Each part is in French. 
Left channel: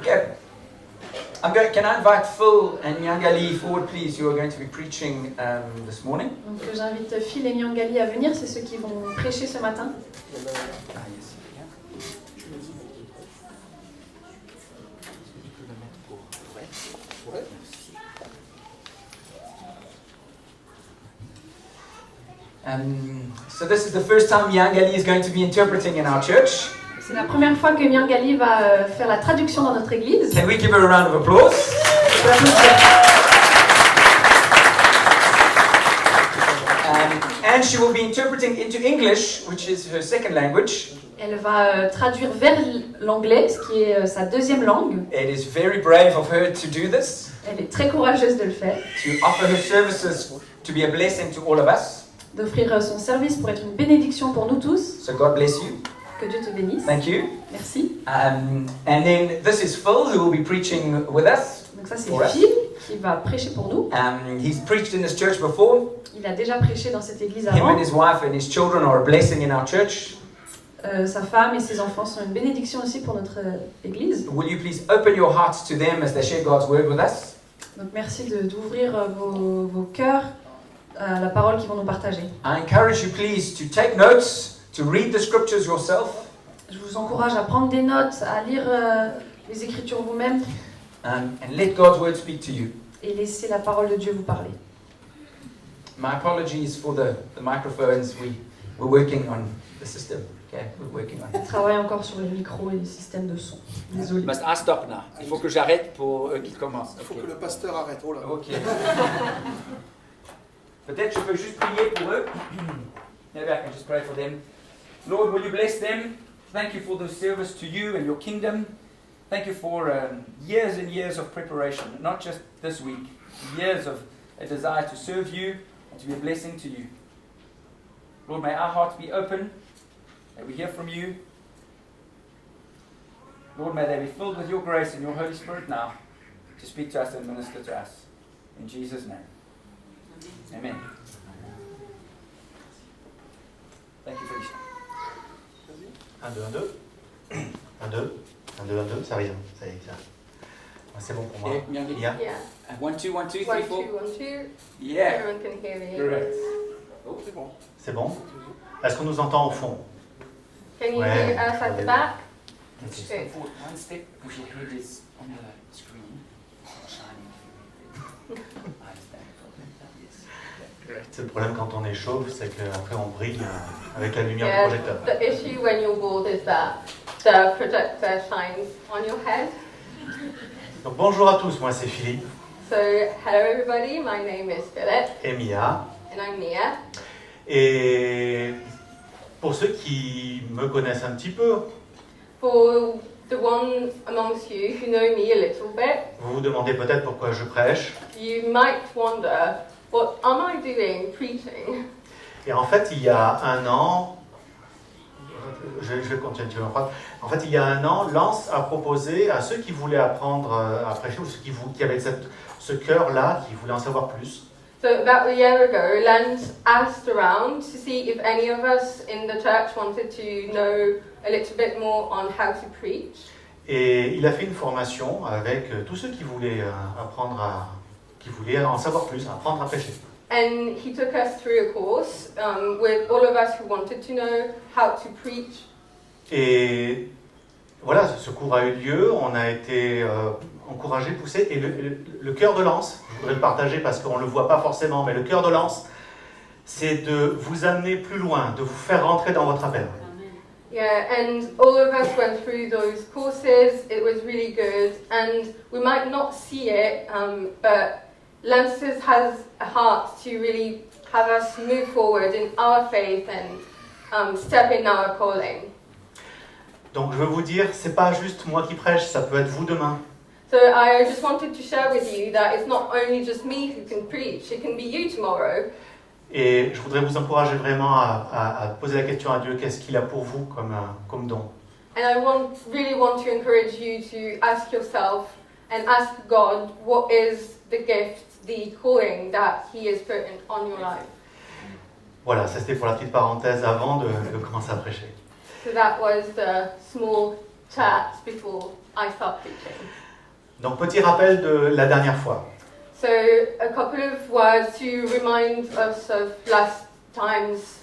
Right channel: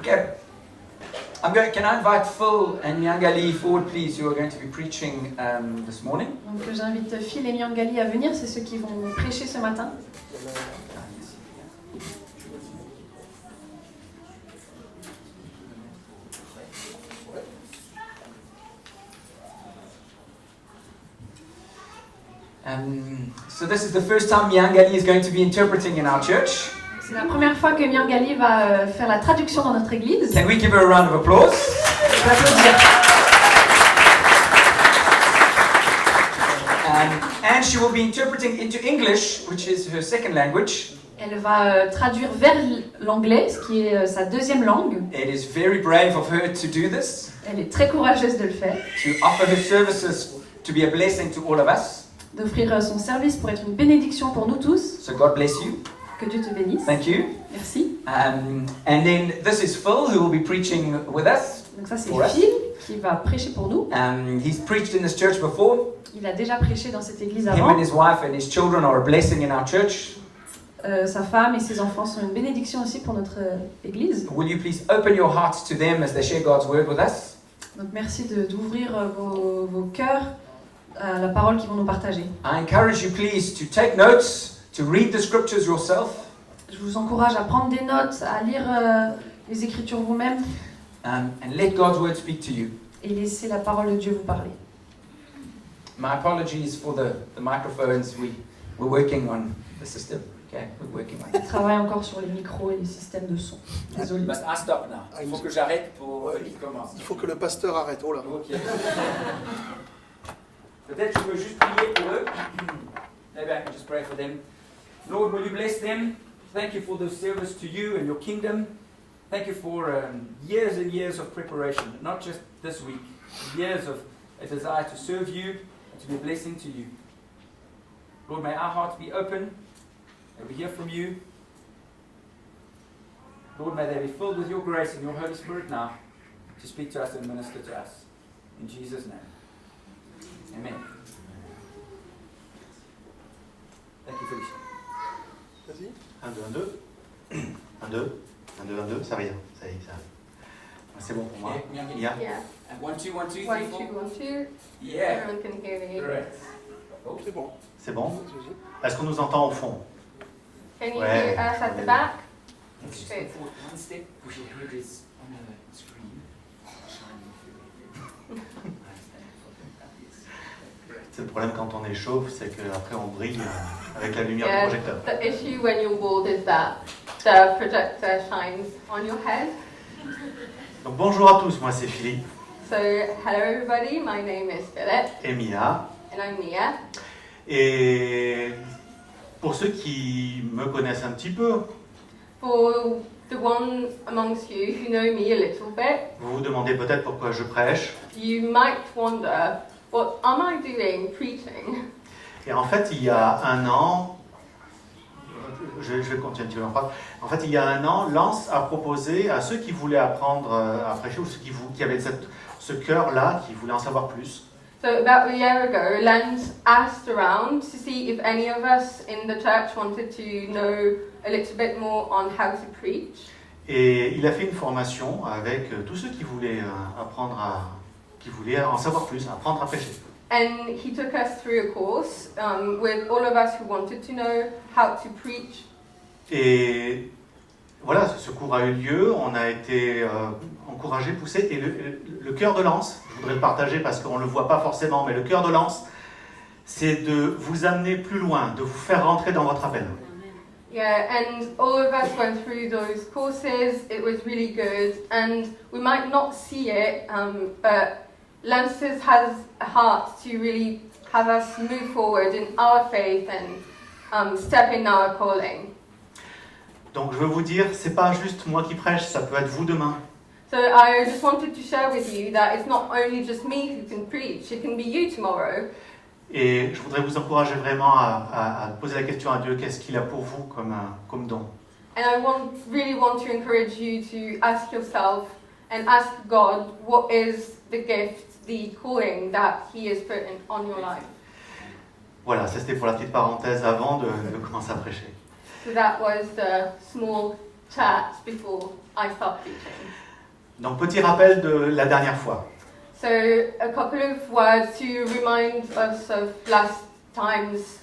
Okay. Can I invite Phil and Nyangali forward, please? You are going to be preaching this morning. Donc j'invite Phil et Nyangali à venir, c'est ceux qui vont prêcher ce matin. So this is the first time Nyangali is going to be interpreting in our church. C'est la première fois que Nyangali va faire la traduction dans notre église. Can we give her a round of applause? On peut l'applaudir. And she will be interpreting into English, which is her second language. Elle va traduire vers l'anglais, ce qui est sa deuxième langue. It is very brave of her to do this. Elle est très courageuse de le faire. To offer her services to be a blessing to all of us. D'offrir son service pour être une bénédiction pour nous tous. So God bless you. Que Dieu te bénisse. Thank you. Merci. And then this is Phil who will be preaching with us. Donc ça c'est Phil qui va prêcher pour nous. He's preached in this church before. Il a déjà prêché dans cette église Him avant. and his wife and his children are a blessing in our church. Sa femme et ses enfants sont une bénédiction aussi pour notre église. Will you please open your hearts to them as they share God's word with us? Donc merci d'ouvrir vos cœurs à la parole qu'ils vont nous partager. I encourage you please to take notes, to read the scriptures yourself. Je vous encourage à prendre des notes, à lire les Écritures vous-même. And let God's word speak to you. Et laisser la parole de Dieu vous parler. My apologies for the microphones. We're working on the system. Okay, we're working on On it. travaille encore sur les micros et les systèmes de son. Désolé. But I stop now. Il faut que j'arrête pour qu'il commence. Il faut que le pasteur arrête. Oh là. Okay. Peut-être je peux juste prier pour eux. Maybe I can just pray for them. Lord, will you bless them? Thank you for the service to you and your kingdom. Thank you for years and years of preparation, not just this week. Years of a desire to serve you and to be a blessing to you. Lord, may our hearts be open. May we hear from you. Lord, may they be filled with your grace and your Holy Spirit now to speak to us and minister to us. In Jesus' name. Amen. Thank you, Felicia. Vas-y. 1, 2, 1, 2. 1, 2. 1, 2, 1, 2. Ça revient. Ça y est, ça. C'est bon pour moi. Yeah. Yeah. Yeah. 1, 2, 1, 2, 3, 1, 4. 2, 1, 2. Yeah. Everyone can hear me. Correct. C'est bon. C'est bon? Est-ce qu'on nous entend au fond? Can you Ouais. hear us at the back? Just Okay. step forward one step, push your head is on the screen. C'est le problème quand on échauffe, c'est qu'après on brille avec la lumière du Yeah, projecteur. the issue when you're bald is that the projector shines on your head. Donc bonjour à tous, moi c'est Philippe So, hello everybody, my name is Philip et Mia. and I'm Mia. Et pour ceux qui me connaissent un petit peu, For the ones amongst you who know me a little bit, vous vous demandez peut-être pourquoi je prêche. you might wonder, what am I doing preaching? Et en fait, il y a un an, je vais continuer en phrase. En fait, il y a un an, Lance a proposé à ceux qui voulaient apprendre à prêcher, ou ceux qui avaient ce cœur-là, qui voulaient en savoir plus, So about a year ago, Lance asked around to see if any of us in the church wanted to know a little bit more on how to preach. et il a fait une formation avec tous ceux qui voulaient qui voulaient en savoir plus, apprendre à prêcher. And he took us through a course with all of us who wanted to know how to preach. Et voilà, ce cours a eu lieu, on a été encouragés, poussés, et le cœur de Lance, je voudrais le partager parce qu'on ne le voit pas forcément, mais le cœur de Lance, c'est de vous amener plus loin, de vous faire rentrer dans votre appel. Yeah, and all of us went through those courses. It was really good, and we might not see it, but Lance has a heart to really have us move forward in our faith and step in our calling. Donc je veux vous dire, c'est pas juste moi qui prêche, ça peut être vous demain. So I just wanted to share with you that it's not only just me who can preach, it can be you tomorrow. Et je voudrais vous encourager vraiment à poser la question à Dieu, qu'est-ce qu'il a pour vous comme don. And I really want to encourage you to ask yourself and ask God what is the gift, the calling that He has put on your life. Voilà, ça c'était pour la petite parenthèse avant de commencer à prêcher. So that was the small chat before I start preaching. Donc petit rappel de la dernière fois. So a couple of words to remind us of last time's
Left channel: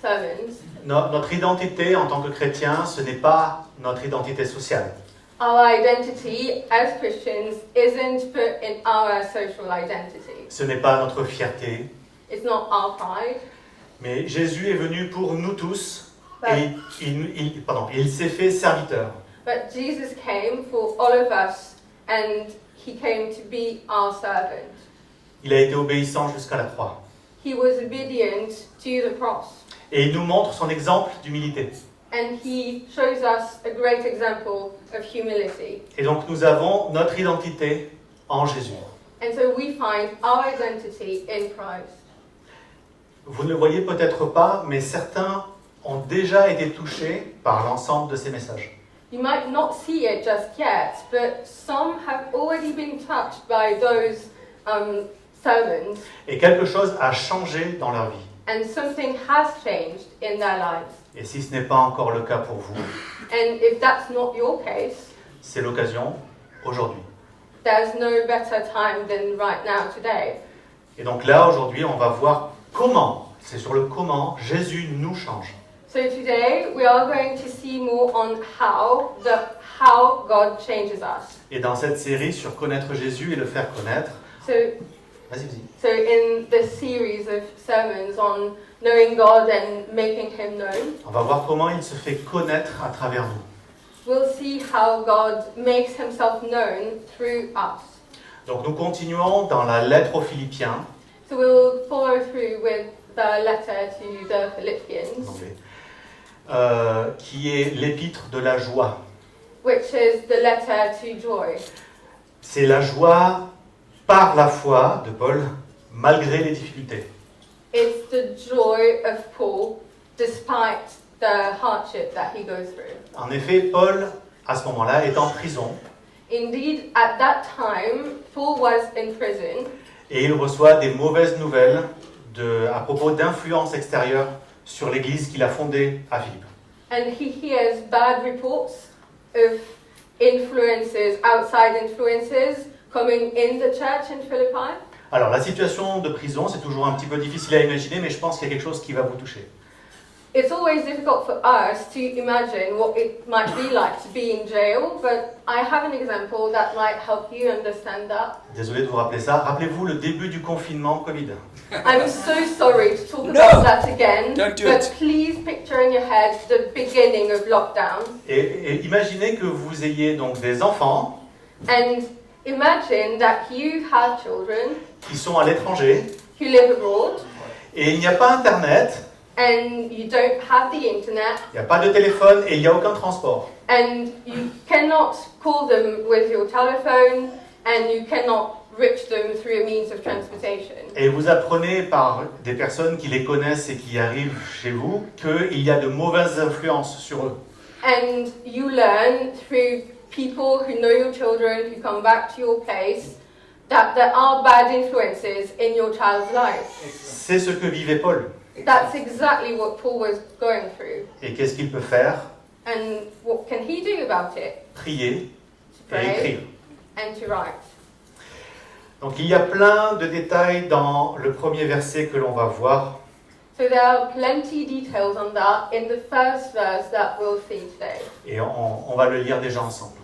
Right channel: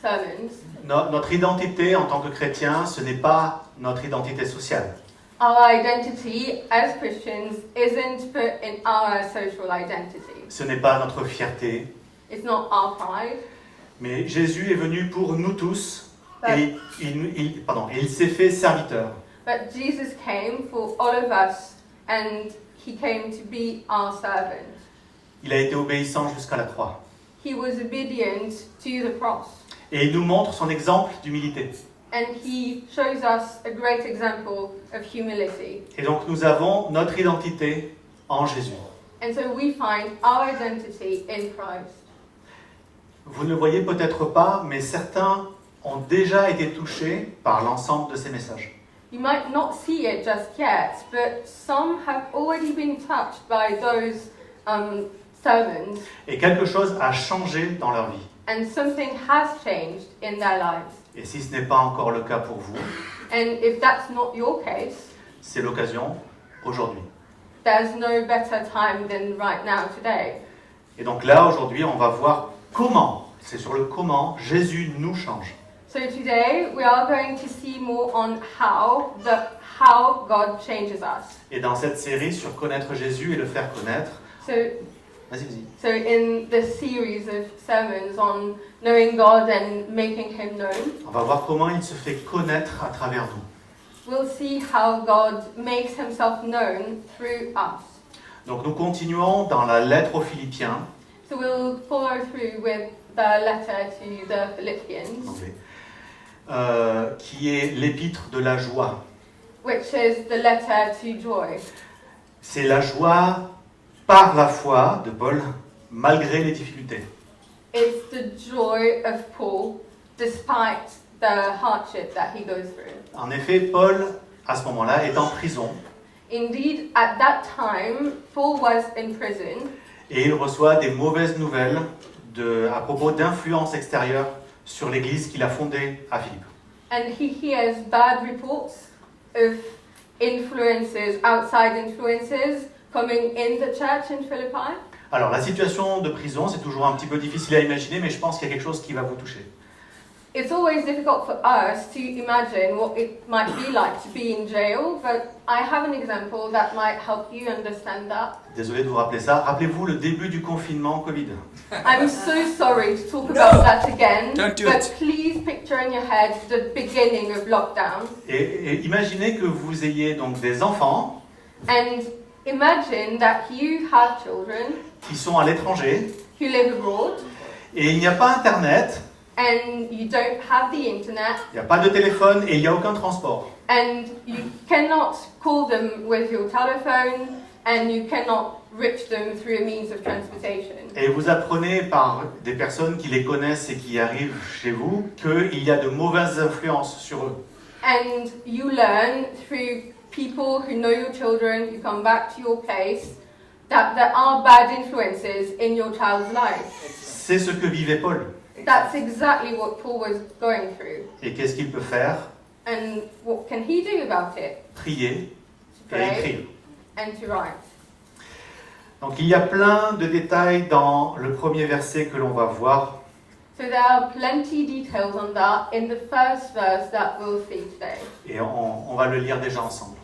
sermons. Notre identité en tant que chrétien, ce n'est pas notre identité sociale. Our identity as Christians isn't put in our social identity. Ce n'est pas notre fierté. It's not our pride. Mais Jésus est venu pour nous tous But, et il s'est fait serviteur. but Jesus came for all of us and he came to be our servant. Il a été obéissant jusqu'à la croix. He was obedient to the cross. Et il nous montre son exemple d'humilité. And he shows us a great example of humility. Et donc nous avons notre identité en Jésus. And so we find our identity in Christ. Vous ne le voyez peut-être pas, mais certains ont déjà été touchés par l'ensemble de ces messages. You might not see it just yet, but some have already been touched by those sermons, Et quelque chose a changé dans leur vie. and something has changed in their lives. Et si ce n'est pas encore le cas pour vous, And if that's not your case, c'est l'occasion aujourd'hui. there's no better time than right now today. Et donc là, aujourd'hui, on va voir comment, c'est sur le comment, Jésus nous change. So today we are going to see more on how God changes us. Et dans cette série sur connaître Jésus et le faire connaître, So vas-y. So in this series of sermons on knowing God and making Him known, On va voir comment il se fait connaître à travers nous. we'll see how God makes Himself known through us. Donc nous continuons dans la lettre aux Philippiens, So we'll follow through with the letter to the en Philippians, anglais, qui est l'épître de la joie. which is the letter to joy. C'est la joie par la foi de Paul, malgré les difficultés. It's the joy of Paul despite the hardship that he goes through. En effet, Paul, à ce moment-là, est en prison Indeed, at that time, Paul was in prison, et il reçoit des mauvaises nouvelles à propos d'influences extérieures sur l'église qu'il a fondée à Philippe. and he hears bad reports of outside influences coming in the church in Philippi. Alors, la situation de prison, c'est toujours un petit peu difficile à imaginer, mais je pense qu'il y a quelque chose qui va vous toucher. It's always difficult for us to imagine what it might be like to be in jail, but I have an example that might help you understand that. Désolé de vous rappeler ça. Rappelez-vous le début du confinement Covid. I'm so sorry to talk No, about that again, don't do but it. please picture in your head the beginning of lockdown Et imaginez que vous ayez donc des enfants and imagine that you have children qui sont à l'étranger who live abroad et il n'y a pas Internet, and you don't have the internet il n'y a pas de téléphone et il n'y a aucun transport. and you cannot call them with your telephone and you cannot reach them through a means of transportation. Et vous apprenez par des personnes qui les connaissent et qui arrivent chez vous qu'il y a de mauvaises influences sur eux. And you learn through people who know your children, who come back to your place, that there are bad influences in your child's life. C'est ce que vivait Paul. That's exactly what Paul was going through. Et qu'est-ce qu'il peut faire? And what can he do about it? Prier To et pray écrire. and to write. Donc il y a plein de détails dans le premier verset que l'on va voir. So there are plenty details on that in the first verse that we'll see today. Et on va le lire déjà ensemble.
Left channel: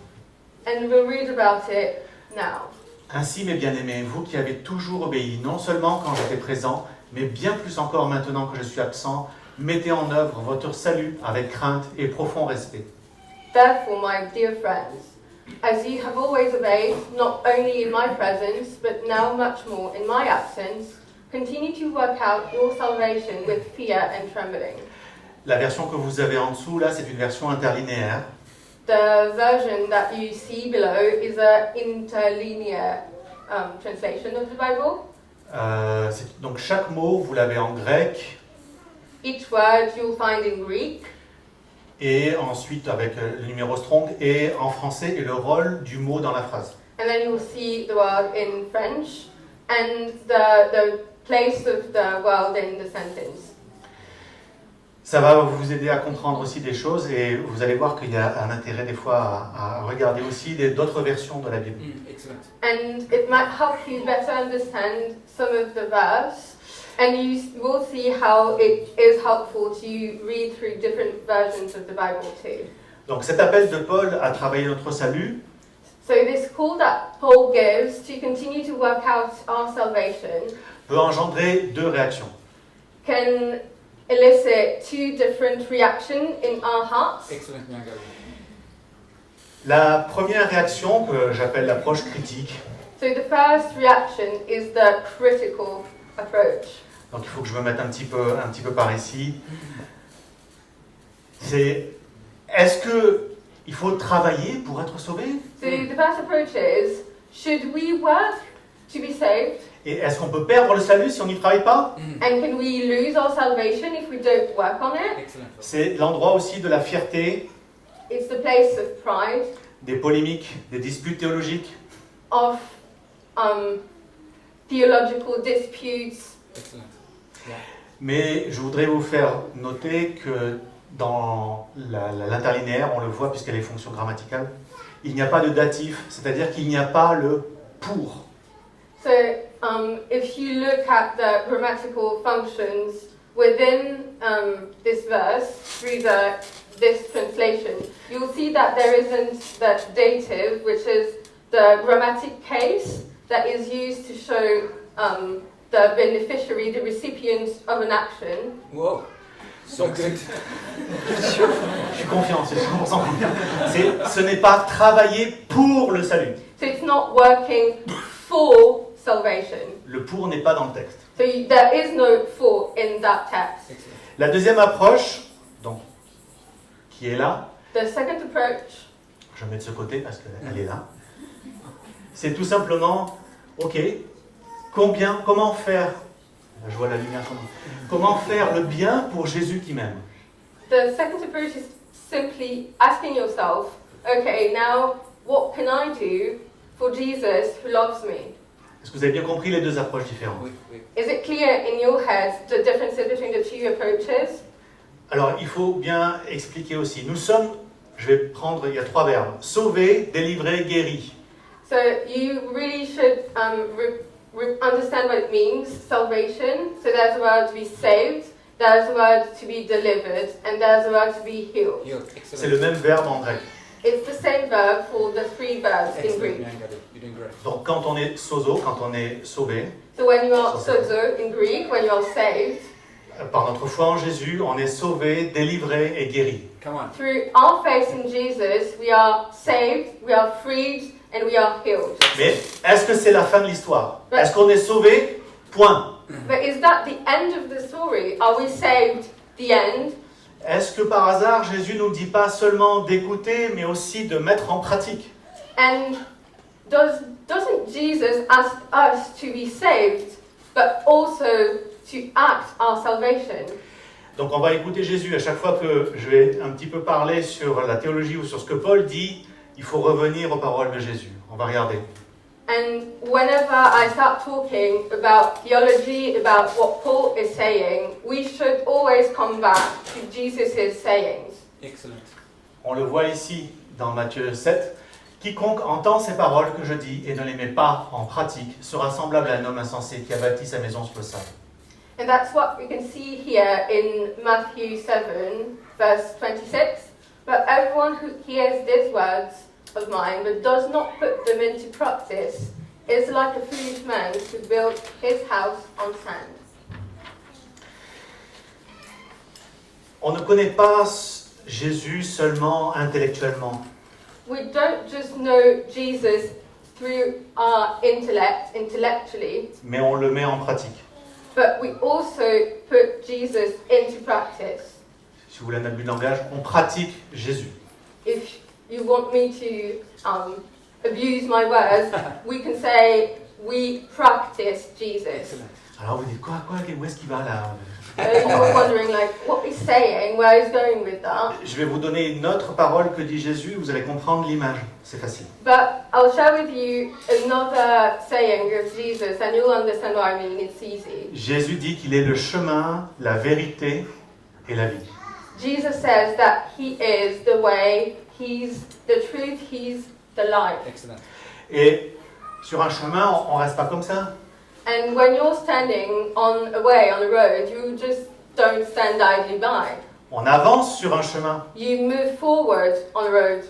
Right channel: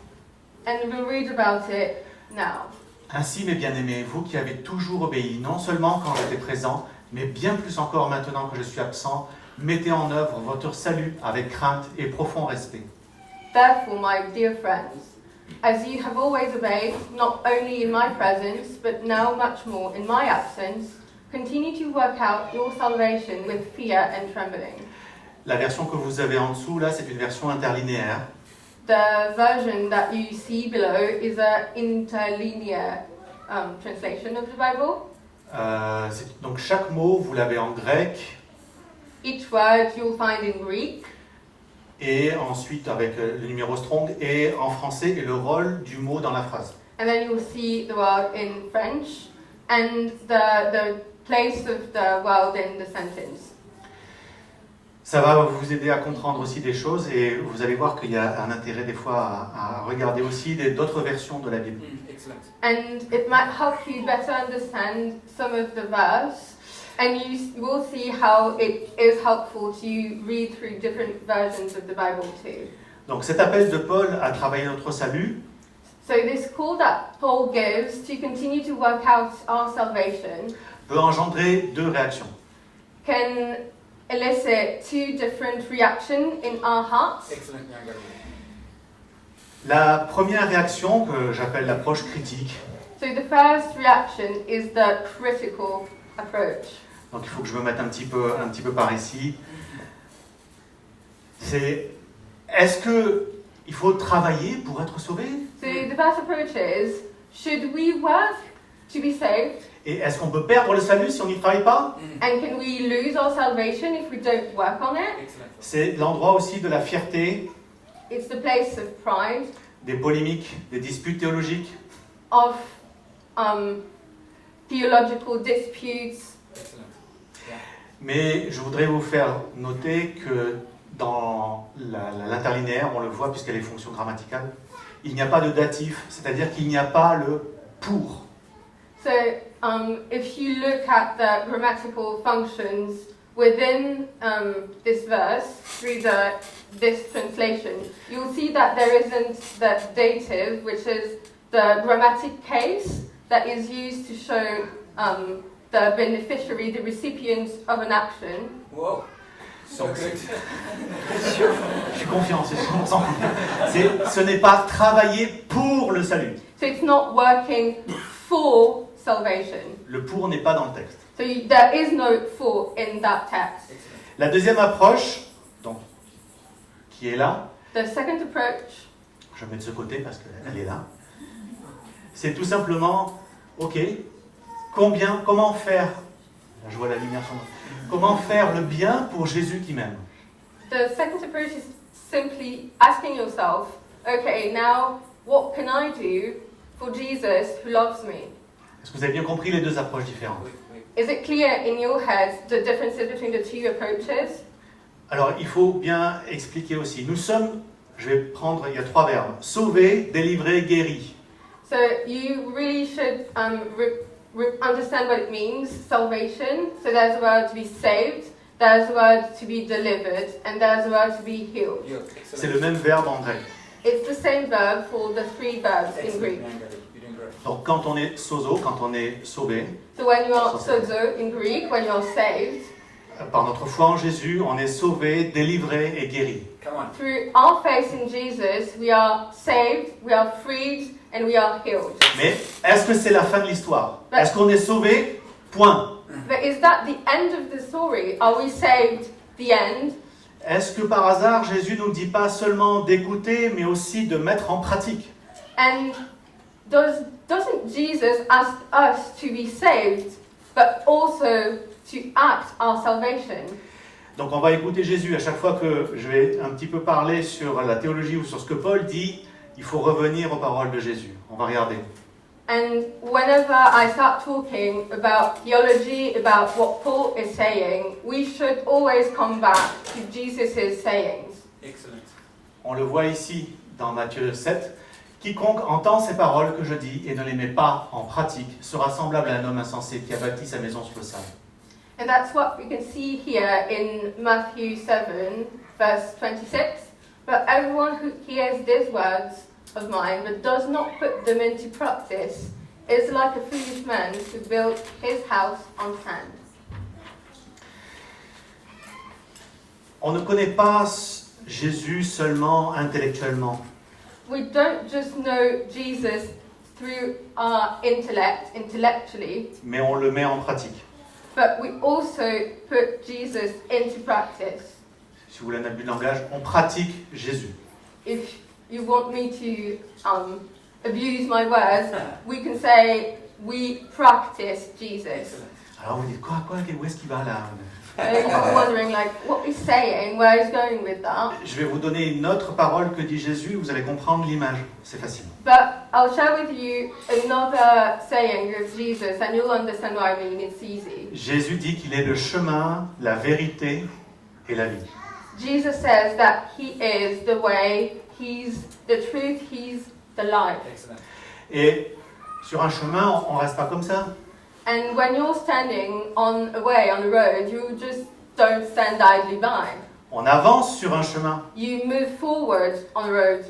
And we'll read about it now. Ainsi, mes bien-aimés, vous qui avez toujours obéi, non seulement quand j'étais présent, mais bien plus encore maintenant que je suis absent, mettez en œuvre votre salut avec crainte et profond respect. Therefore, my dear friends, as you have always obeyed, not only in my presence, but now much more in my absence, continue to work out your salvation with fear and trembling. La version que vous avez en dessous, là, c'est une version interlinéaire. The version that you see below is an interlinear translation of the Bible. Donc chaque mot, vous l'avez en grec, Each word you'll find in Greek, et ensuite avec le numéro strong, et en français, et le rôle du mot dans la phrase. and then you'll see the word in French, and the place of the word in the sentence. Ça va vous aider à comprendre aussi des choses et vous allez voir qu'il y a un intérêt des fois à regarder aussi d'autres versions de la Bible. Excellent. And it might help you better understand some of the verse, and you will see how it is helpful to read through different versions of the Bible too. Donc cet appel de Paul à travailler notre salut, So this call that Paul gives to continue to work out our salvation peut engendrer deux réactions. can elicit two different reactions in our hearts. Excellent. La première réaction, que j'appelle l'approche critique, So the first reaction is the critical approach. donc il faut que je me mette un petit peu par ici, c'est est-ce qu'il faut travailler pour être sauvé? So the first approach is, should we work to be saved? Et est-ce qu'on peut perdre le salut si on n'y travaille pas? And can we lose our salvation if we don't work on it? Excellent. C'est l'endroit aussi de la fierté, It's the place of pride, des polémiques, des disputes théologiques. of theological disputes. Excellent. Mais je voudrais vous faire noter que dans l'interlinéaire, on le voit puisqu'elle est fonction grammaticale, il n'y a pas de datif, c'est-à-dire qu'il n'y a pas le pour. So if you look at the grammatical functions within this verse, through this translation, you'll see that there isn't the dative, which is the grammatic case that is used to show the beneficiary, the recipient of an action. Wow. So Donc, good. Je suis confiant, c'est 100% confiant. Ce n'est pas travailler pour le salut. So it's not working for salvation. Le pour n'est pas dans le texte. So there is no for in that text. La deuxième approche, donc, qui est là, The second approach, je mets de ce côté parce qu'elle est là, c'est tout simplement, ok, comment faire, je vois la lumière sur moi, comment faire le bien pour Jésus qui m'aime. the second approach is simply asking yourself, okay, now what can I do for Jesus who loves me? Est-ce que vous avez bien compris les deux approches différentes? Oui, oui. Is it clear in your head the differences between the two approaches? Alors, il faut bien expliquer aussi. Nous sommes, je vais prendre, il y a trois verbes, sauver, délivrer, guéri. So you really should understand what it means, salvation. So there's a word to be saved, there's a word to be delivered, and there's a word to be healed. Yeah, C'est le excellent. même verbe en grec. It's the same verb for the three verbs in Excellent. Greek. Yeah, you're doing great. Donc, quand on est sozo, quand on est sauvé, So when you are sozo in Greek, when you are saved, par notre foi en Jésus, on est sauvé, délivré et guéri. Come on. through our faith in Jesus, we are saved, we are freed, and we are healed. Mais est-ce que c'est la fin de l'histoire? Est-ce qu'on est sauvé? Point. But is that the end of the story? Are we saved? The end? Est-ce que par hasard, Jésus ne nous dit pas seulement d'écouter, mais aussi de mettre en pratique? And doesn't Jesus ask us to be saved, but also to act our salvation? Donc on va écouter Jésus. À chaque fois que je vais un petit peu parler sur la théologie ou sur ce que Paul dit, il faut revenir aux paroles de Jésus. On va regarder. And whenever I start talking about theology, about what Paul is saying, we should always come back to Jesus' sayings. Excellent. On le voit ici dans Matthieu 7. Quiconque entend ces paroles que je dis et ne les met pas en pratique sera semblable à un homme insensé qui a bâti sa maison sur le sable. And that's what we can see here in Matthew 7, verse 26. But everyone who hears these words of mine but does not put them into practice is like a foolish man who built his house on sand. On ne connaît pas Jésus seulement intellectuellement. We don't just know Jesus through our intellect, intellectually, Mais on le met en pratique. but we also put Jesus into practice. Si vous voulez un abus de langage, on pratique Jésus. If you want me to abuse my words, we can say we practice Jesus. Alors vous dites, quoi, où est-ce qu'il va là? You're wondering, like, what he's saying, where he's going with that. Je vais vous donner une autre parole que dit Jésus, vous allez comprendre l'image. C'est facile. But I'll share with you another saying of Jesus, and you'll understand what I mean. It's easy. Jésus dit qu'il est le chemin, la vérité et la vie. Jesus says that he is the way, he's the truth, he's the life. Excellent. Et sur un chemin, on reste pas comme ça. And when you're standing on a way, on a road, you just don't stand idly by. On avance sur un chemin. You move forward on a road.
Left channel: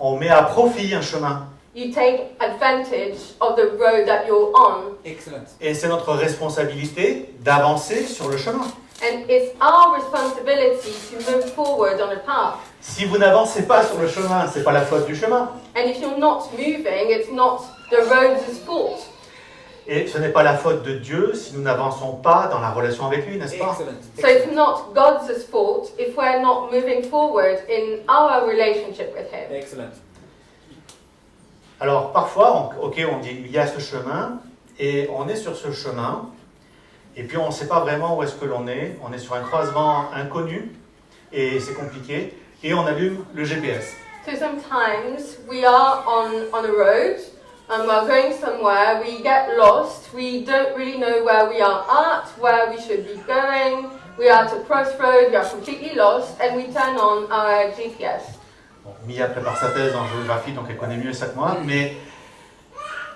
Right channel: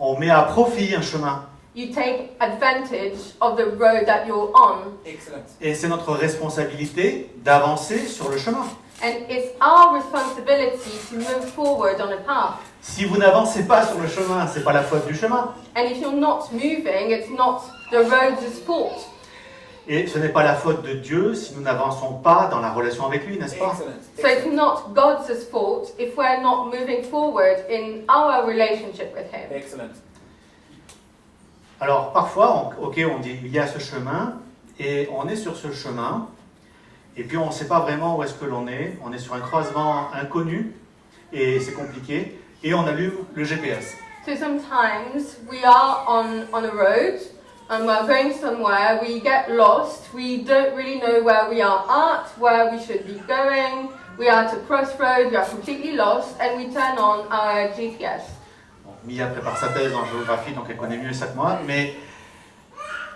On met à profit un chemin. You take advantage of the road that you're on. Excellent. Et c'est notre responsabilité d'avancer sur le chemin. And it's our responsibility to move forward on a path. Si vous n'avancez pas sur le chemin, c'est pas la faute du chemin. And if you're not moving, it's not the road's fault. Et ce n'est pas la faute de Dieu si nous n'avançons pas dans la relation avec lui, n'est-ce pas? Excellent. So it's not God's fault if we're not moving forward in our relationship with Him. Excellent. Alors parfois, on dit il y a ce chemin, et on est sur ce chemin, et puis on ne sait pas vraiment où est-ce que l'on est. On est sur un croisement inconnu, et c'est compliqué, et on allume le GPS. So sometimes we are on a road and we're going somewhere, we get lost, we don't really know where we are at, where we should be going, we are at a crossroad, we are completely lost, and we turn on our GPS. Bon, Mia prépare sa thèse en géographie, donc elle connaît mieux ça que moi, mais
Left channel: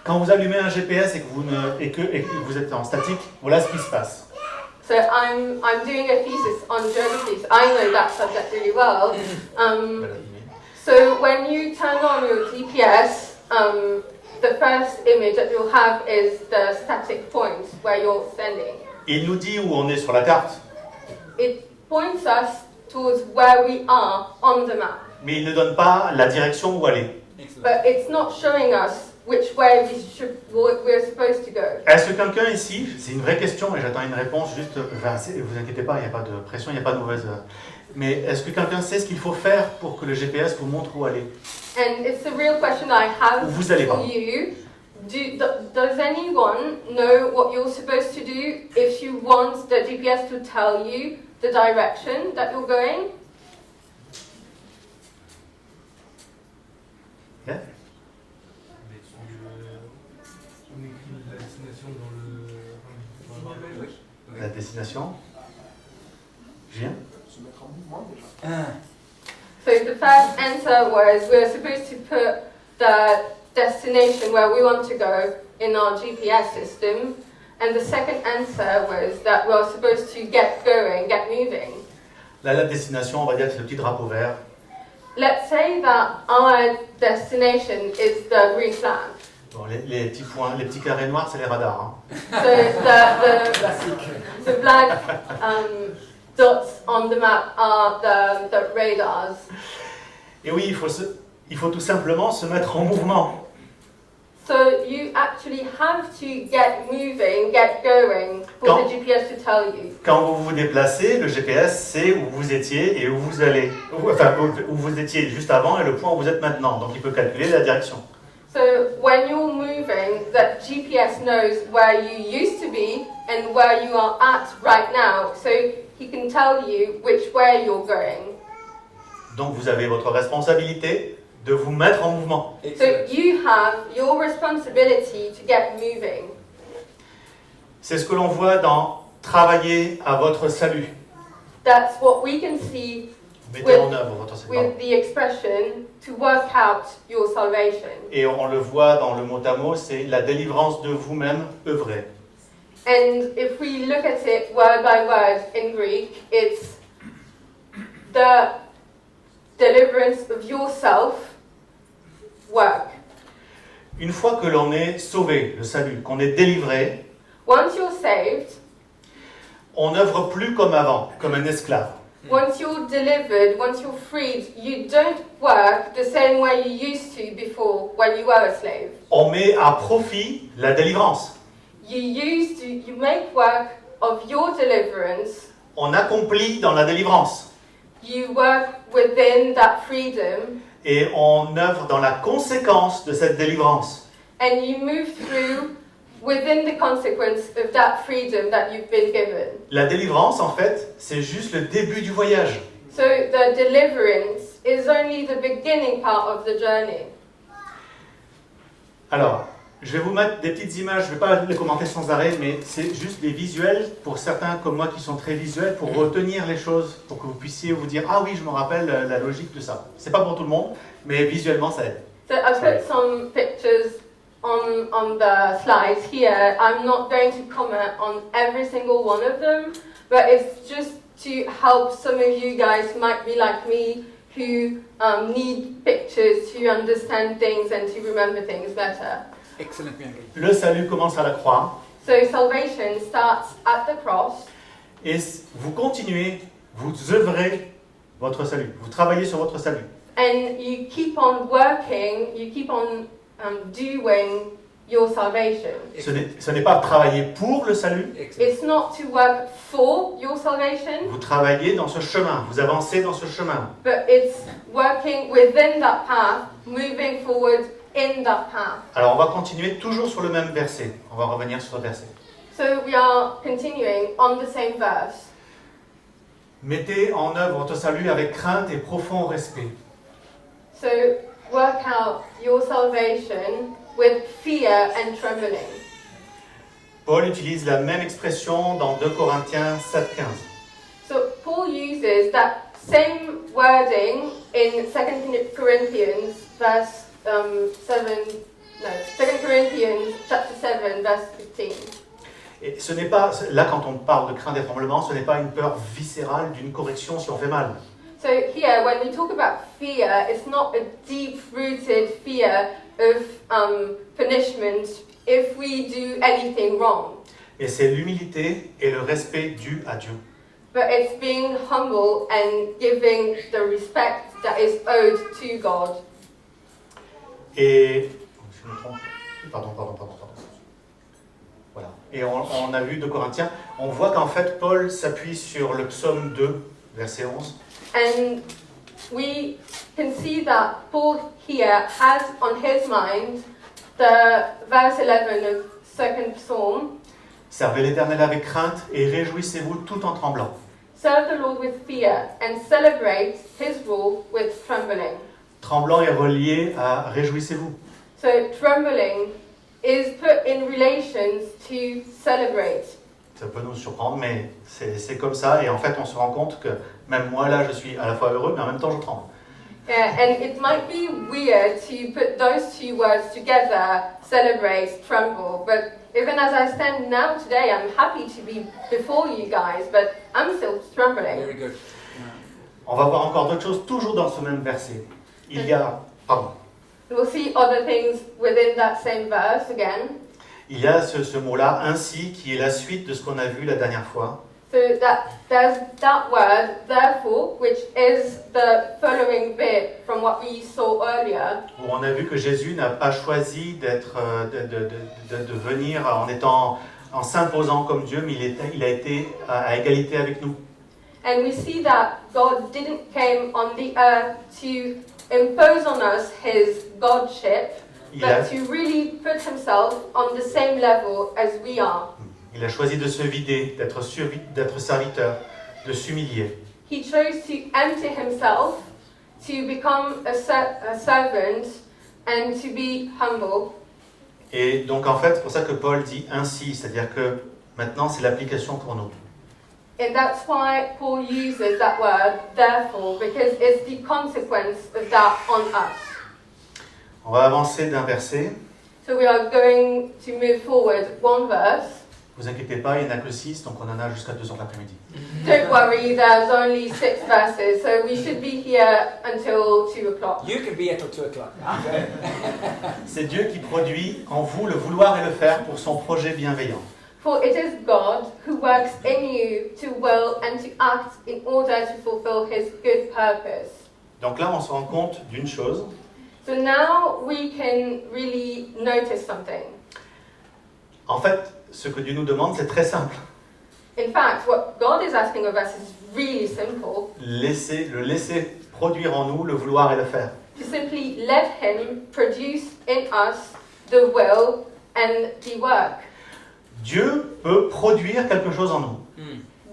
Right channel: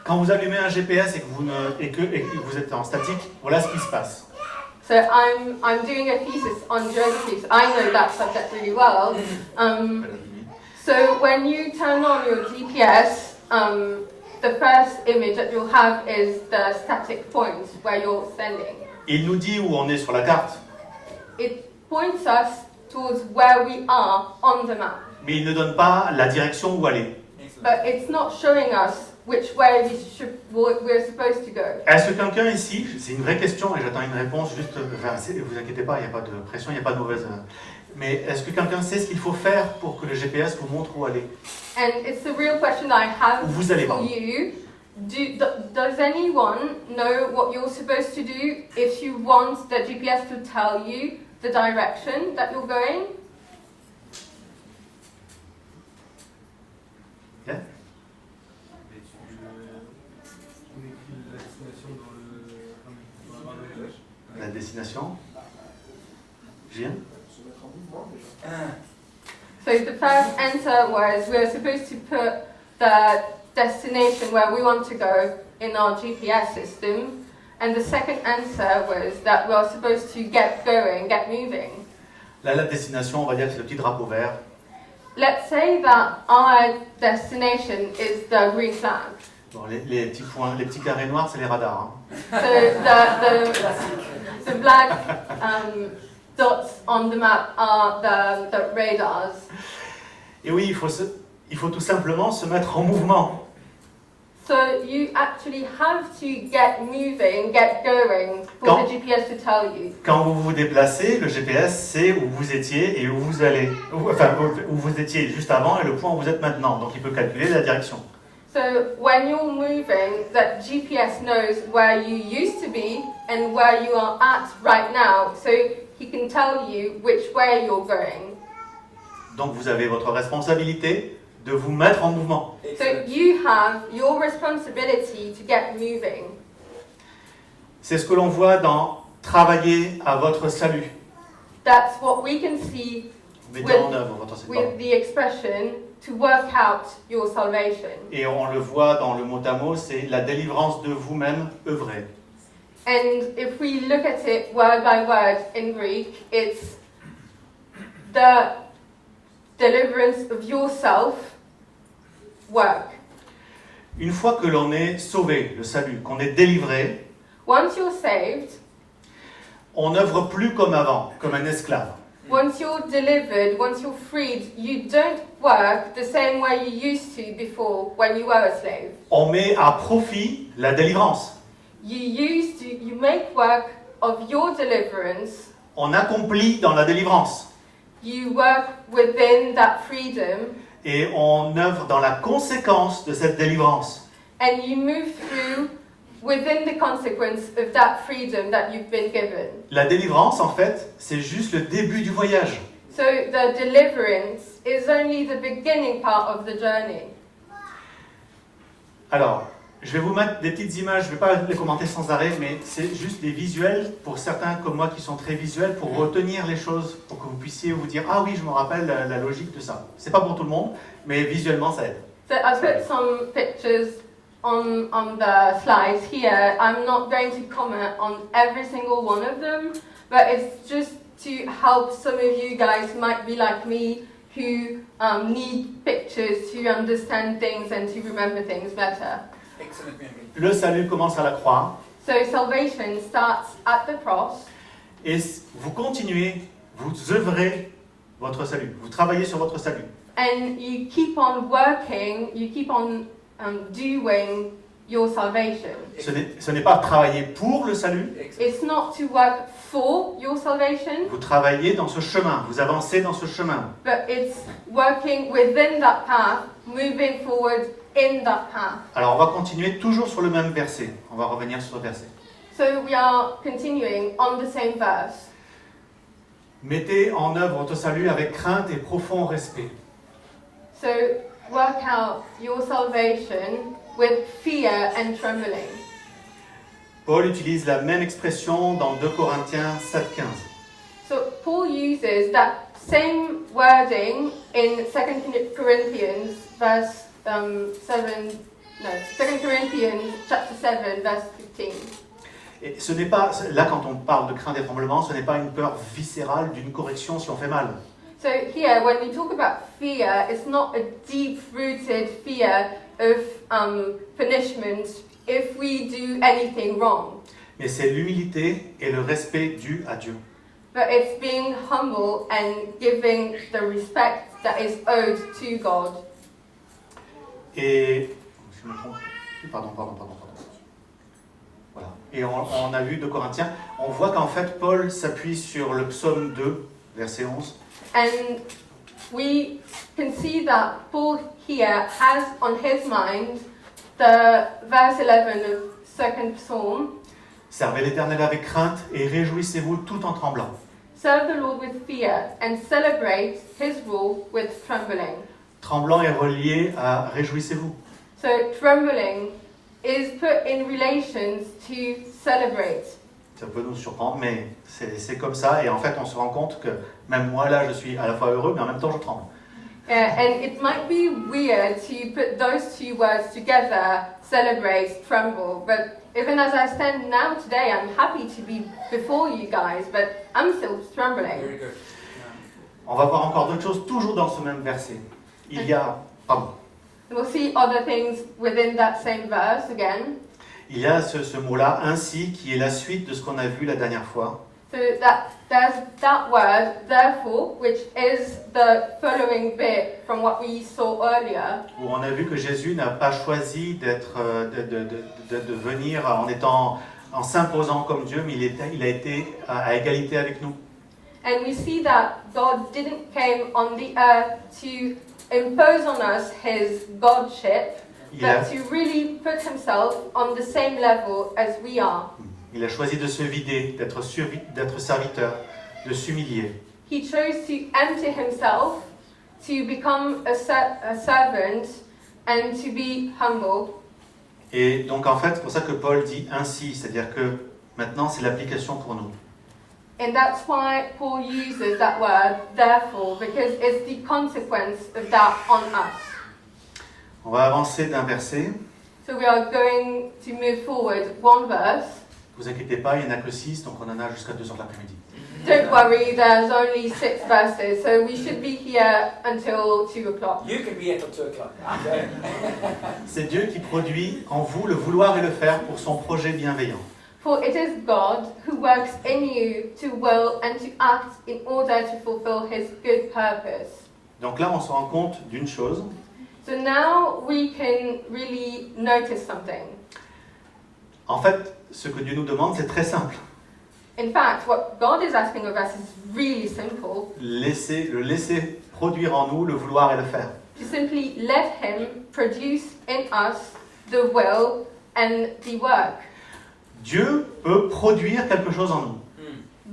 quand vous allumez un GPS et que vous êtes en statique, voilà ce qui se passe. So I'm doing a thesis on geography, so I know that subject really well. So when you turn on your GPS, the first image that you'll have is the static point where you're standing. Il nous dit où on est sur la carte, It points us towards where we are on the map, mais il ne donne pas la direction où aller. Excellent. but it's not showing us which way we're supposed to go. Est-ce que quelqu'un ici, c'est une vraie question et j'attends une réponse, juste, vous inquiétez pas, il n'y a pas de pression, il n'y a pas de mauvaise... Mais est-ce que quelqu'un sait ce qu'il faut faire pour que le GPS vous montre où aller? And it's the real question I have Où vous allez, for pardon. you. Does anyone know what you're supposed to do if you want the GPS to tell you the direction that you're going? Yeah. On écrit la destination dans le... La destination? Julien? Se mettre en mouvement déjà. Ah. So the first answer was we're supposed to put the destination where we want to go in our GPS system. And the second answer was that we're supposed to get going, get moving. Là, la destination, on va dire que c'est le petit drapeau vert. Let's say that our destination is the green flag. Bon, les petits points, les petits carrés noirs, c'est les radars. So the black dots on the map are the radars. Et oui, il faut tout simplement se mettre en mouvement. So you actually have to get moving, get going for Quand- the GPS to tell you. Quand vous vous déplacez, le GPS sait où vous étiez et où vous allez. Enfin, où vous étiez juste avant et le point où vous êtes maintenant. Donc il peut calculer la direction. So when you're moving, that GPS knows where you used to be and where you are at right now. So he can tell you which way you're going. Donc vous avez votre responsabilité de vous mettre en mouvement. So you have your responsibility to get moving. C'est ce que l'on voit dans travailler à votre salut. That's what we can see Mettez en œuvre votre salut. with the expression to work out your salvation. Et on le voit dans le mot à mot, c'est la délivrance de vous-même œuvrée. And if we look at it word by word in Greek, it's the deliverance of yourself work. Une fois que l'on est sauvé, le salut, qu'on est délivré, Once you're saved, on n'œuvre plus comme avant, comme un esclave. once you're delivered, once you're freed, you don't work the same way you used to before when you were a slave. On met à profit la délivrance. You make work of your deliverance. On accomplit dans la délivrance. You work within that freedom, Et on œuvre dans la conséquence de cette délivrance. and you move through within the consequence of that freedom that you've been given. La délivrance, en fait, c'est juste le début du voyage. So the deliverance is only the beginning part of the journey. Alors, Je vais vous mettre des petites images, je ne vais pas les commenter sans arrêt, mais c'est juste des visuels pour certains comme moi qui sont très visuels, pour retenir les choses, pour que vous puissiez vous dire « Ah oui, je me rappelle la logique de ça ». C'est pas pour tout le monde, mais visuellement ça aide. So I put some pictures on the slides here. I'm not going to comment on every single one of them, but it's just to help some of you guys who might be like me, who need pictures to understand things and to remember things better. Excellent memory. Le salut commence à la croix, So salvation starts at the cross, et vous continuez, vous œuvrez votre salut, vous travaillez sur votre salut. and you keep on working, you keep on doing your salvation. Ce n'est pas travailler pour le salut, Excellent. It's not to work for your salvation, vous travaillez dans ce chemin, vous avancez dans ce chemin. but it's working within that path, moving forward in that path. Alors on va continuer toujours sur le même verset, on va revenir sur le verset. So we are continuing on the same verse. Mettez en œuvre votre salut avec crainte et profond respect. So work out your salvation with fear and trembling. Paul utilise la même expression dans 2 Corinthiens 7,15. So Paul uses that same wording in 2 Corinthians verse 2 Corinthians chapter 7 verse 15. Et ce n'est pas, là quand on parle de crainte et tremblement, ce n'est pas une peur viscérale d'une correction si on fait mal. So here, when we talk about fear, it's not a deep-rooted fear of punishment if we do anything wrong. Mais c'est l'humilité et le respect dû à Dieu. But it's being humble and giving the respect that is owed to God. Et je me trompe. Pardon. Voilà. Et on a vu de Corinthiens, on voit qu'en fait Paul s'appuie sur le psaume 2, verset 11. And we can see that Paul here has on his mind the verse 11 of 2nd Psalm. Servez l'Éternel avec crainte et réjouissez-vous tout en tremblant. Serve the Lord with fear and celebrate his rule with trembling. Tremblant est relié à réjouissez-vous. So trembling is put in relations to celebrate. Ça peut nous surprendre, mais c'est comme ça. Et en fait, on se rend compte que même moi, là, je suis à la fois heureux, mais en même temps, je tremble. And it might be weird to put those two words together, celebrate, tremble. But even as I stand now today, I'm happy to be before you guys, but I'm still trembling. Very good. On va voir encore d'autres choses, toujours dans ce même verset. Il y a, pardon, We'll see other things within that same verse again. il y a ce mot-là, ainsi, qui est la suite de ce qu'on a vu la dernière fois. So that there's that word, therefore, which is the following bit from what we saw earlier. Où on a vu que Jésus n'a pas choisi d'être, de venir en s'imposant comme Dieu, mais il a été à égalité avec nous. And we see that God didn't come on the earth to impose on us his godship, Il a, but to really put himself on the same level as we are. il a choisi de se vider, d'être serviteur, de s'humilier. He chose to empty himself, to become a servant, and to be humble. Et donc en fait, c'est pour ça que Paul dit ainsi, c'est-à-dire que maintenant c'est l'application pour nous. And that's why Paul uses that word, therefore, because it's the consequence of that on us. On va avancer d'un verset. So we are going to move forward one verse. Ne vous inquiétez pas, il n'y en a que 6, donc on en a jusqu'à 2h de l'après-midi. Don't worry, there's only 6 verses, so we should be here until 2 o'clock. You can be here till 2 o'clock. C'est Dieu qui produit en vous le vouloir et le faire pour son projet bienveillant. For it is God who works in you to will and to act in order to fulfill his good purpose. Donc là, on se rend compte d'une chose, So now we can really notice something. en fait, ce que Dieu nous demande, c'est très simple. In fact, what God is asking of us is really simple. Le laisser produire en nous le vouloir et le faire. To simply let him produce in us the will and the work. Dieu peut produire quelque chose en nous.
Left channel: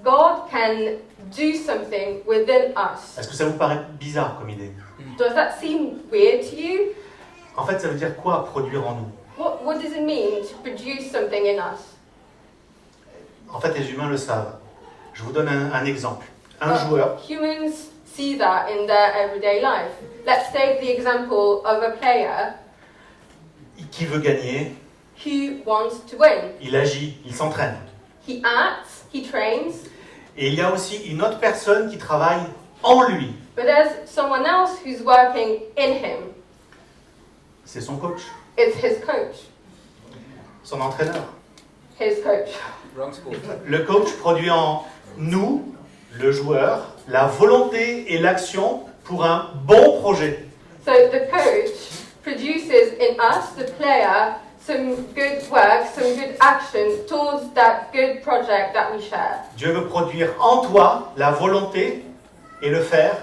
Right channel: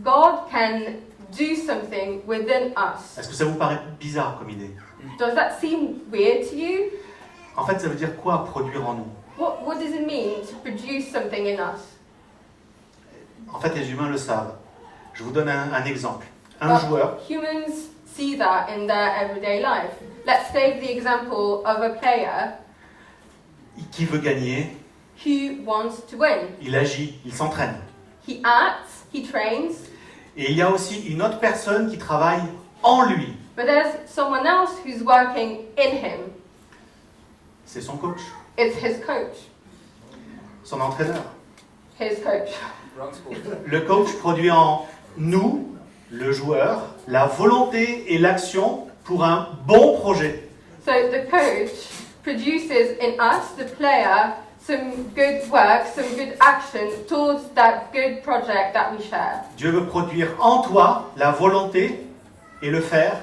God can do something within us. Est-ce que ça vous paraît bizarre comme idée? Does that seem weird to you? En fait, ça veut dire quoi, produire en nous? what does it mean to produce something in us? En fait, les humains le savent. Je vous donne un exemple. Un Well, joueur Humans see that in their everyday life. Let's take the example of a player qui veut gagner, who wants to win. il agit, il s'entraîne. He acts, he trains, Et il y a aussi une autre personne qui travaille en lui. but there's someone else who's working in him. C'est son coach, It's his coach. son entraîneur. His coach. Wrong school. Le coach produit en nous, le joueur, la volonté et l'action pour un bon projet. So the coach produces in us, the player, some good work, some good action towards that good project that we share. Dieu veut produire en toi la volonté et le faire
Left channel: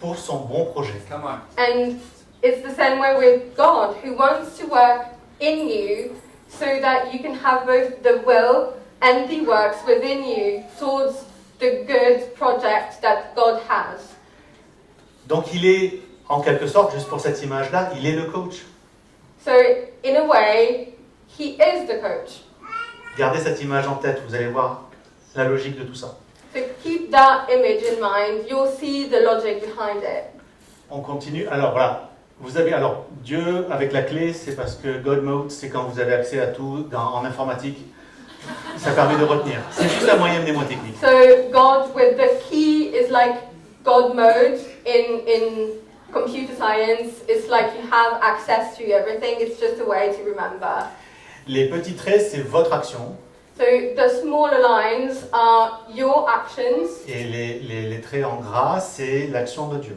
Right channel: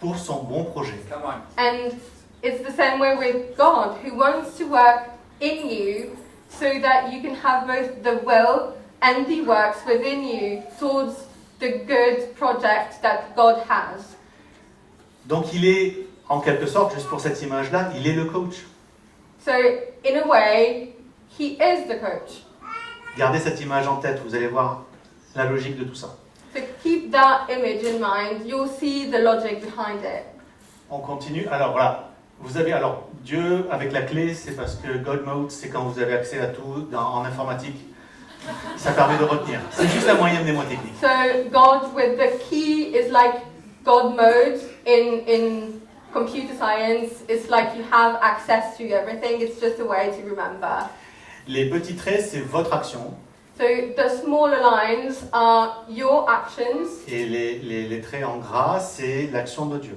pour son bon projet. Come on. And it's the same way with God, who wants to work in you so that you can have both the will and the works within you towards the good project that God has. Donc il est, en quelque sorte, juste pour cette image-là, il est le coach. So, in a way, he is the coach. Gardez cette image en tête, vous allez voir la logique de tout ça. So keep that image in mind, you'll see the logic behind it. On continue. Alors voilà, vous avez alors Dieu avec la clé, c'est parce que God Mode, c'est quand vous avez accès à tout en informatique. Ça permet de retenir. C'est juste la moyenne des mots techniques. So God with the key is like God mode in computer science. It's like you have access to everything. It's just a way to remember. Les petits traits, c'est votre action. So the smaller lines are your actions, Et les traits en gras, c'est l'action de Dieu.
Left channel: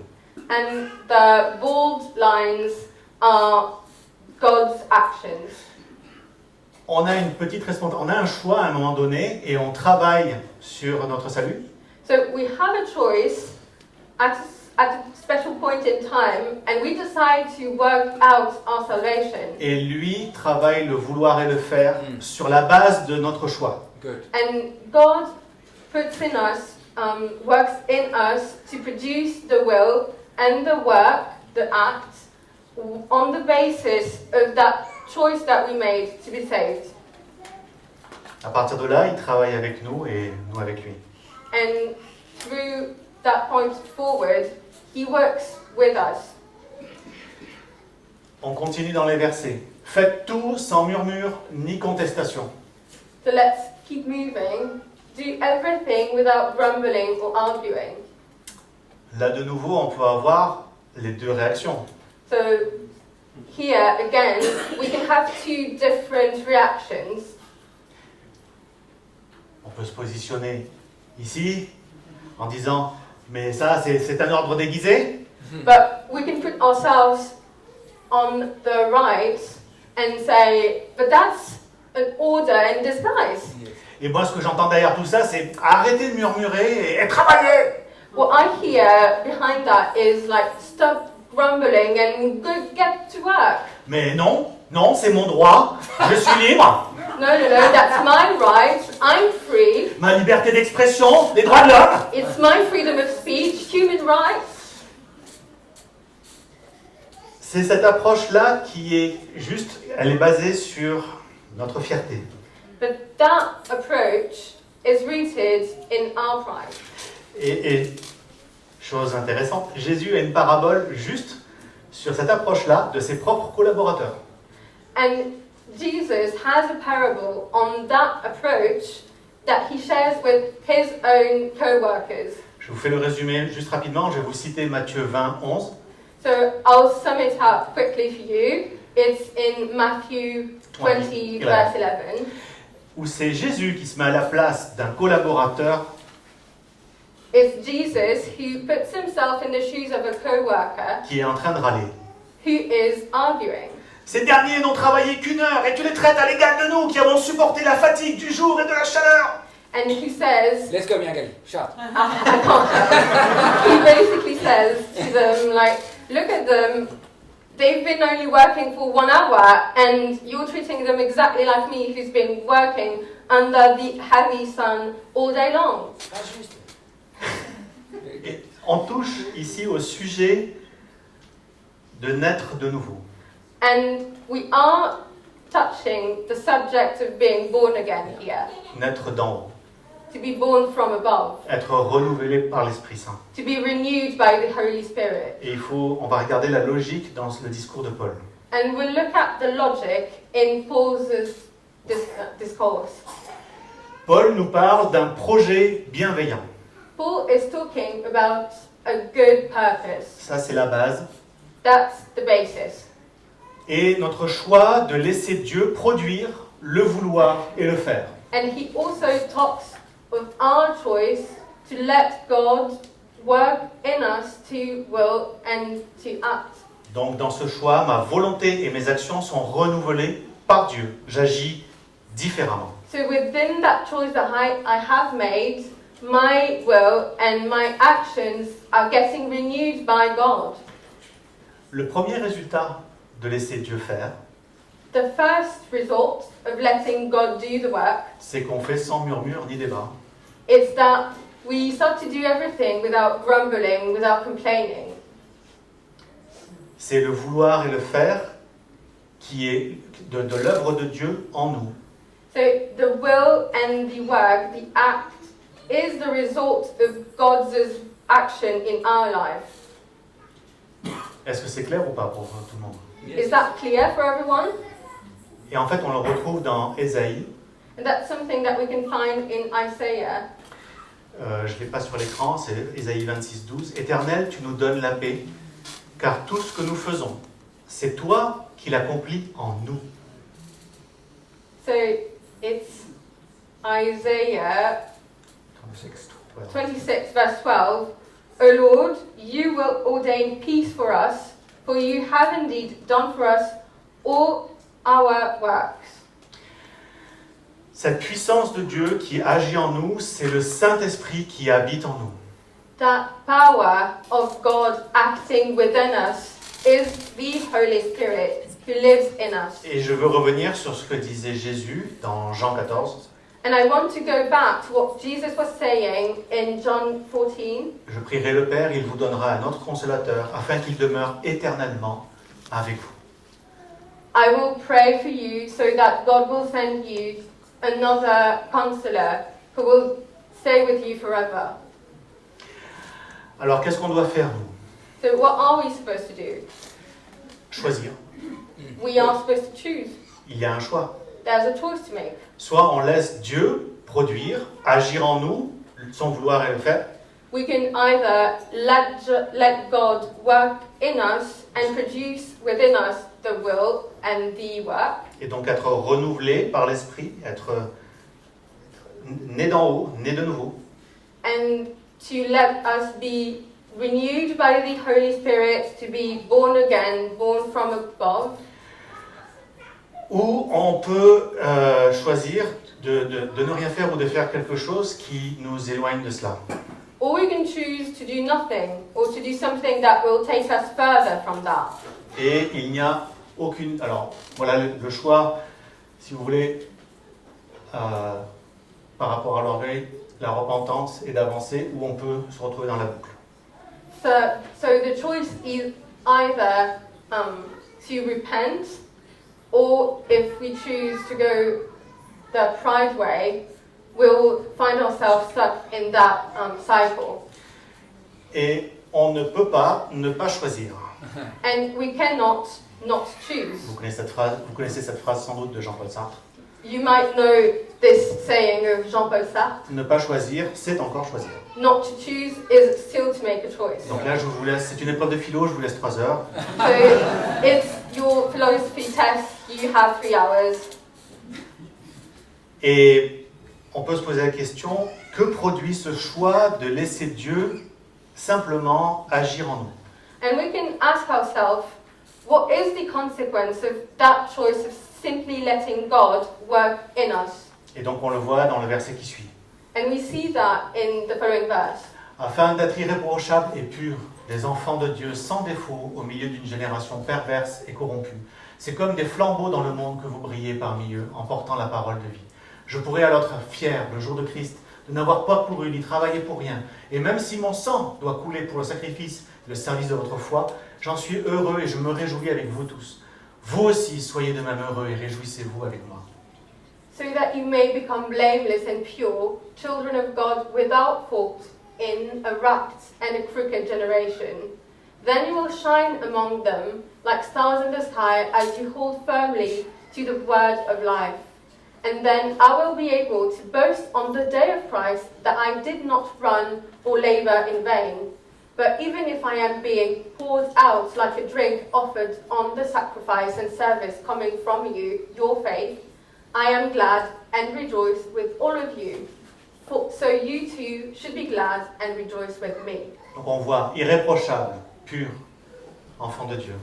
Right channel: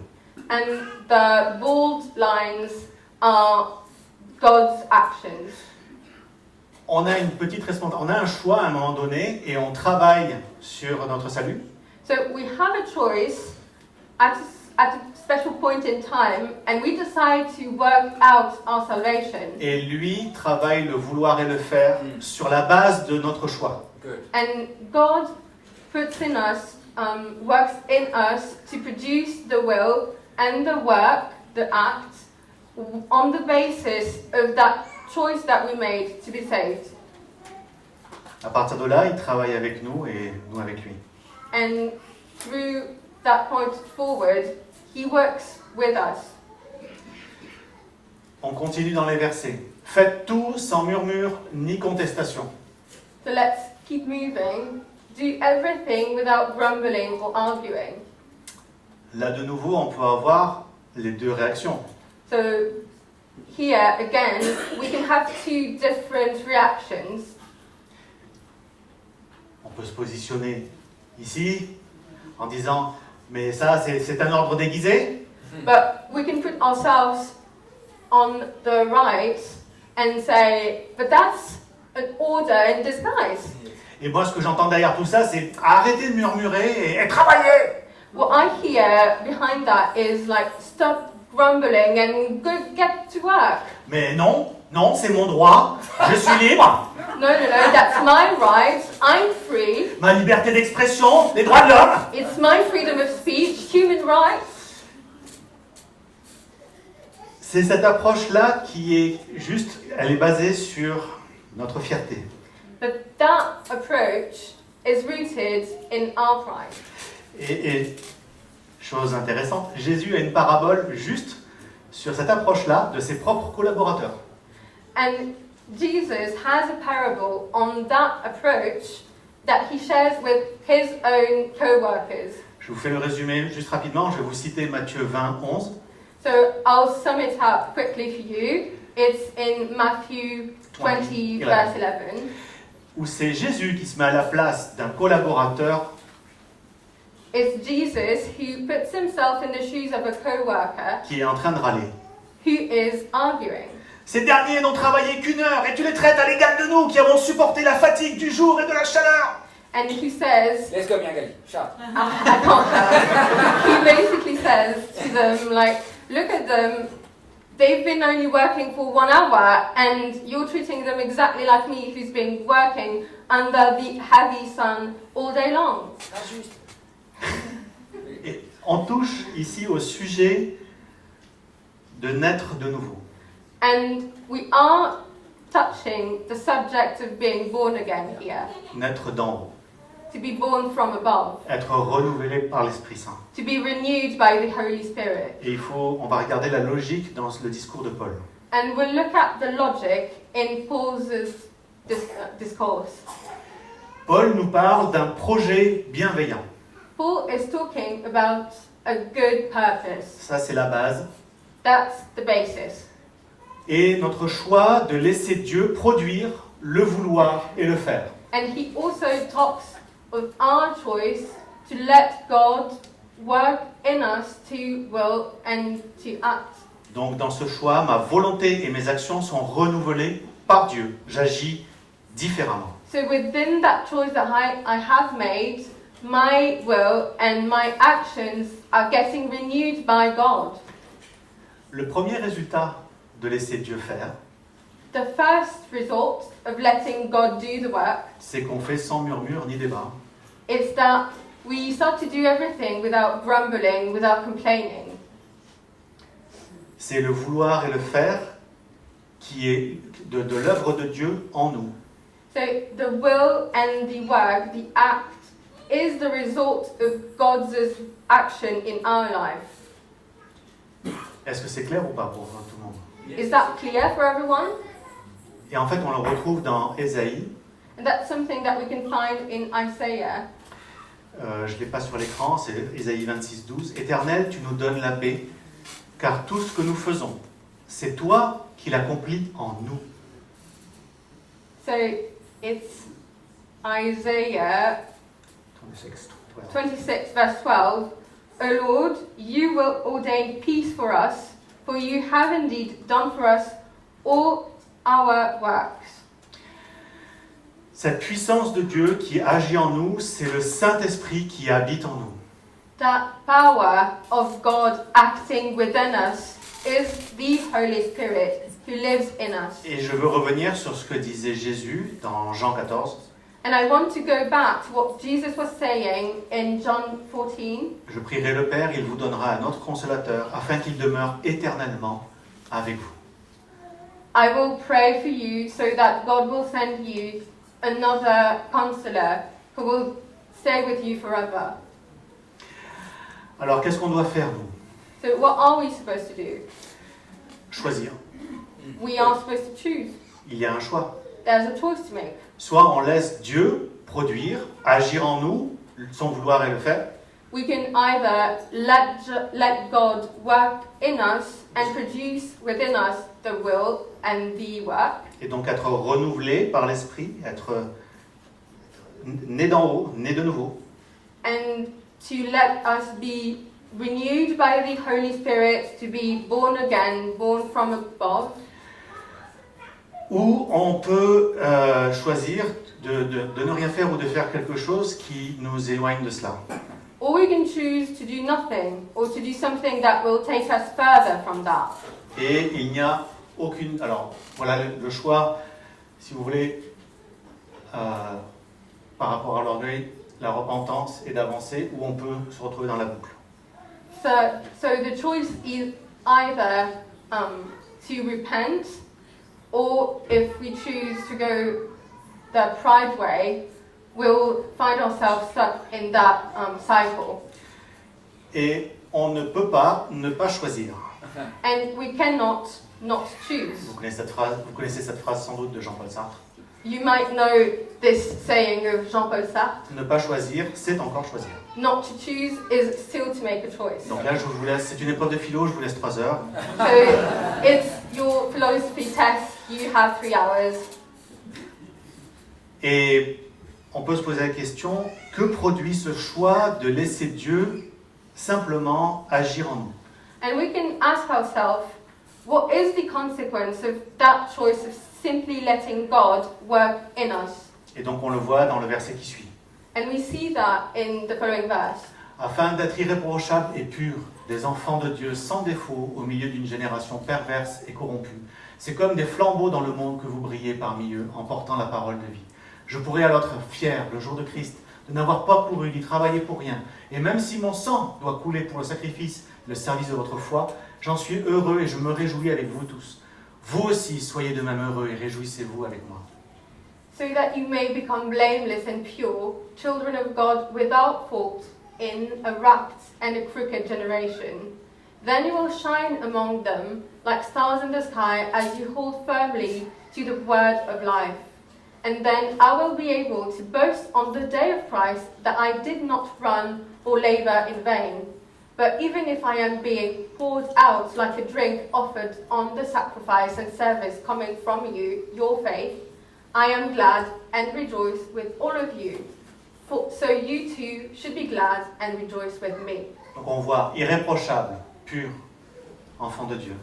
and the bold lines are God's actions. On a une petite responsabilité, on a un choix à un moment donné et on travaille sur notre salut. So we have a choice at a special point in time, and we decide to work out our salvation. Et lui travaille le vouloir et le faire sur la base de notre choix. Good. And God puts in us, works in us to produce the will and the work, the act, on the basis of that choice that we made to be saved. À partir de là, il travaille avec nous et nous avec lui. And through that point forward, He works with us. On continue dans les versets. Faites tout sans murmure ni contestation. So let's keep moving. Do everything without grumbling or arguing. Là, de nouveau, on peut avoir les deux réactions. So here again, we can have two different reactions. On peut se positionner ici en disant « Mais ça, c'est un ordre déguisé ». But we can put ourselves on the right and say, but that's an order in disguise. Et moi, ce que j'entends derrière tout ça, c'est « Arrêtez de murmurer et travaillez ». What I hear behind that is like, stop grumbling and go get to work. Mais non, non, c'est mon droit, je suis libre, No, that's my right. I'm free. ma liberté d'expression, les droits de l'homme. It's my freedom of speech, human rights. C'est cette approche-là qui est juste, elle est basée sur notre fierté. But that approach is rooted in our pride. Et chose intéressante, Jésus a une parabole juste sur cette approche-là de ses propres collaborateurs. And Jesus has a parable on that approach that he shares with his own co-workers. Je vous fais le résumé juste rapidement, je vais vous citer Matthieu 20, 11. So I'll sum it up quickly for you. It's in Matthew 20, verse 11. Où c'est Jésus qui se met à la place d'un collaborateur It's Jesus who puts himself in the shoes of a co-worker qui est en train de râler. who is arguing. Ces derniers n'ont travaillé qu'une heure et tu les traites à l'égal de nous qui avons supporté la fatigue du jour et de la chaleur. And who says, Let's go, Miangali. Shut. I can't tell. He basically says to them, like, look at them. They've been only working for 1 hour, and you're treating them exactly like me, who's been working under the heavy sun all day long. Et on touche ici au sujet de naître de nouveau. And we are touching the subject of being born again here. Naître d'en haut, To be born from above. être renouvelé par l'Esprit Saint. To be renewed by the Holy Spirit. Et on va regarder la logique dans le discours de Paul. And we'll look at the logic in Paul's discourse. Paul nous parle d'un projet bienveillant. Paul is talking about a good purpose. Ça, c'est la base. That's the basis. Et notre choix de laisser Dieu produire, le vouloir et le faire. And he also talks of our choice to let God work in us to will and to act. Donc dans ce choix, ma volonté et mes actions sont renouvelées par Dieu. J'agis différemment. So within that choice that I have made, my will and my actions are getting renewed by God. Le premier résultat de laisser Dieu faire, The first result of letting God do the work c'est qu'on fait sans murmure ni débat. is that we start to do everything without grumbling, without complaining. C'est le vouloir et le faire qui est de l'œuvre de Dieu en nous. So the will and the work, the act, is the result of God's action in our life. Est-ce que c'est clair ou pas pour tout le monde? Is that clear for everyone? Et en fait, on le retrouve dans Ésaïe. And that's something that we can find in Isaiah. Je ne l'ai pas sur l'écran, c'est Ésaïe 26, 12. Éternel, tu nous donnes la paix, car tout ce que nous faisons, c'est toi qui l'accomplis en nous. So it's Isaiah 26, 12. 26, verse 12. O Lord, you will ordain peace for us, for you have indeed done for us all our works. Cette puissance de Dieu qui agit en nous, c'est le Saint-Esprit qui habite en nous. That power of God acting within us is the Holy Spirit who lives in us. Et je veux revenir sur ce que disait Jésus dans Jean 14. And I want to go back to what Jesus was saying in John 14. Je prierai le Père, il vous donnera un autre consolateur, afin qu'il demeure éternellement avec vous. I will pray for you so that God will send you another counselor who will stay with you forever. Alors qu'est-ce qu'on doit faire, nous? So what are we supposed to do? Choisir. We are supposed to choose. Il y a un choix. There's a choice to make. Soit on laisse Dieu produire, agir en nous, son vouloir et le faire, We can either let God work in us and produce within us the will and the work, et donc être renouvelé par l'Esprit, être né d'en haut, né de nouveau, and to let us be renewed by the Holy Spirit, to be born again, born from above. ou on peut choisir de ne rien faire ou de faire quelque chose qui nous éloigne de cela. Or we can choose to do nothing, or to do something that will take us further from that. Et il n'y a aucune... Alors, voilà le choix, si vous voulez, par rapport à l'orgueil, la repentance et d'avancer, où on peut se retrouver dans la boucle. So the choice is either to repent, or if we choose to go the pride way, we'll find ourselves stuck in that cycle. Et on ne peut pas ne pas choisir. And we cannot not choose. Vous connaissez cette phrase sans doute de Jean-Paul Sartre. You might know this saying of Jean-Paul Sartre, Ne pas choisir, c'est encore choisir. not to choose is still to make a choice. Donc là, je vous laisse, c'est une épreuve de philo, je vous laisse 3 heures. So it's your philosophy test, you have 3 hours. Et on peut se poser la question, que produit ce choix de laisser Dieu simplement agir en nous? And we can ask ourselves, what is the consequence of that choice of simply letting God work in us? Et donc on le voit dans le verset qui suit. And we see that in the following verse. Afin d'être irréprochables et purs, des enfants de Dieu sans défaut au milieu d'une génération perverse et corrompue. C'est comme des flambeaux dans le monde que vous brillez parmi eux en portant la parole de vie. Je pourrais alors être fier le jour de Christ de n'avoir pas couru ni travaillé pour rien. Et même si mon sang doit couler pour le sacrifice et le service de votre foi, j'en suis heureux et je me réjouis avec vous tous. vous aussi soyez de même heureux et réjouissez-vous avec moi. so that you may become blameless and pure, children of God without fault in a wrapped and a crooked generation. Then you will shine among them like stars in the sky as you hold firmly to the word of life. And then I will be able to boast on the day of Christ that I did not run or labor in vain. But even if I am being poured out like a drink offered on the sacrifice and service coming from you, your faith, I am glad and rejoice with all of you. So you too should be glad and rejoice with me. Donc on voit irréprochable, pur, enfant de Dieu.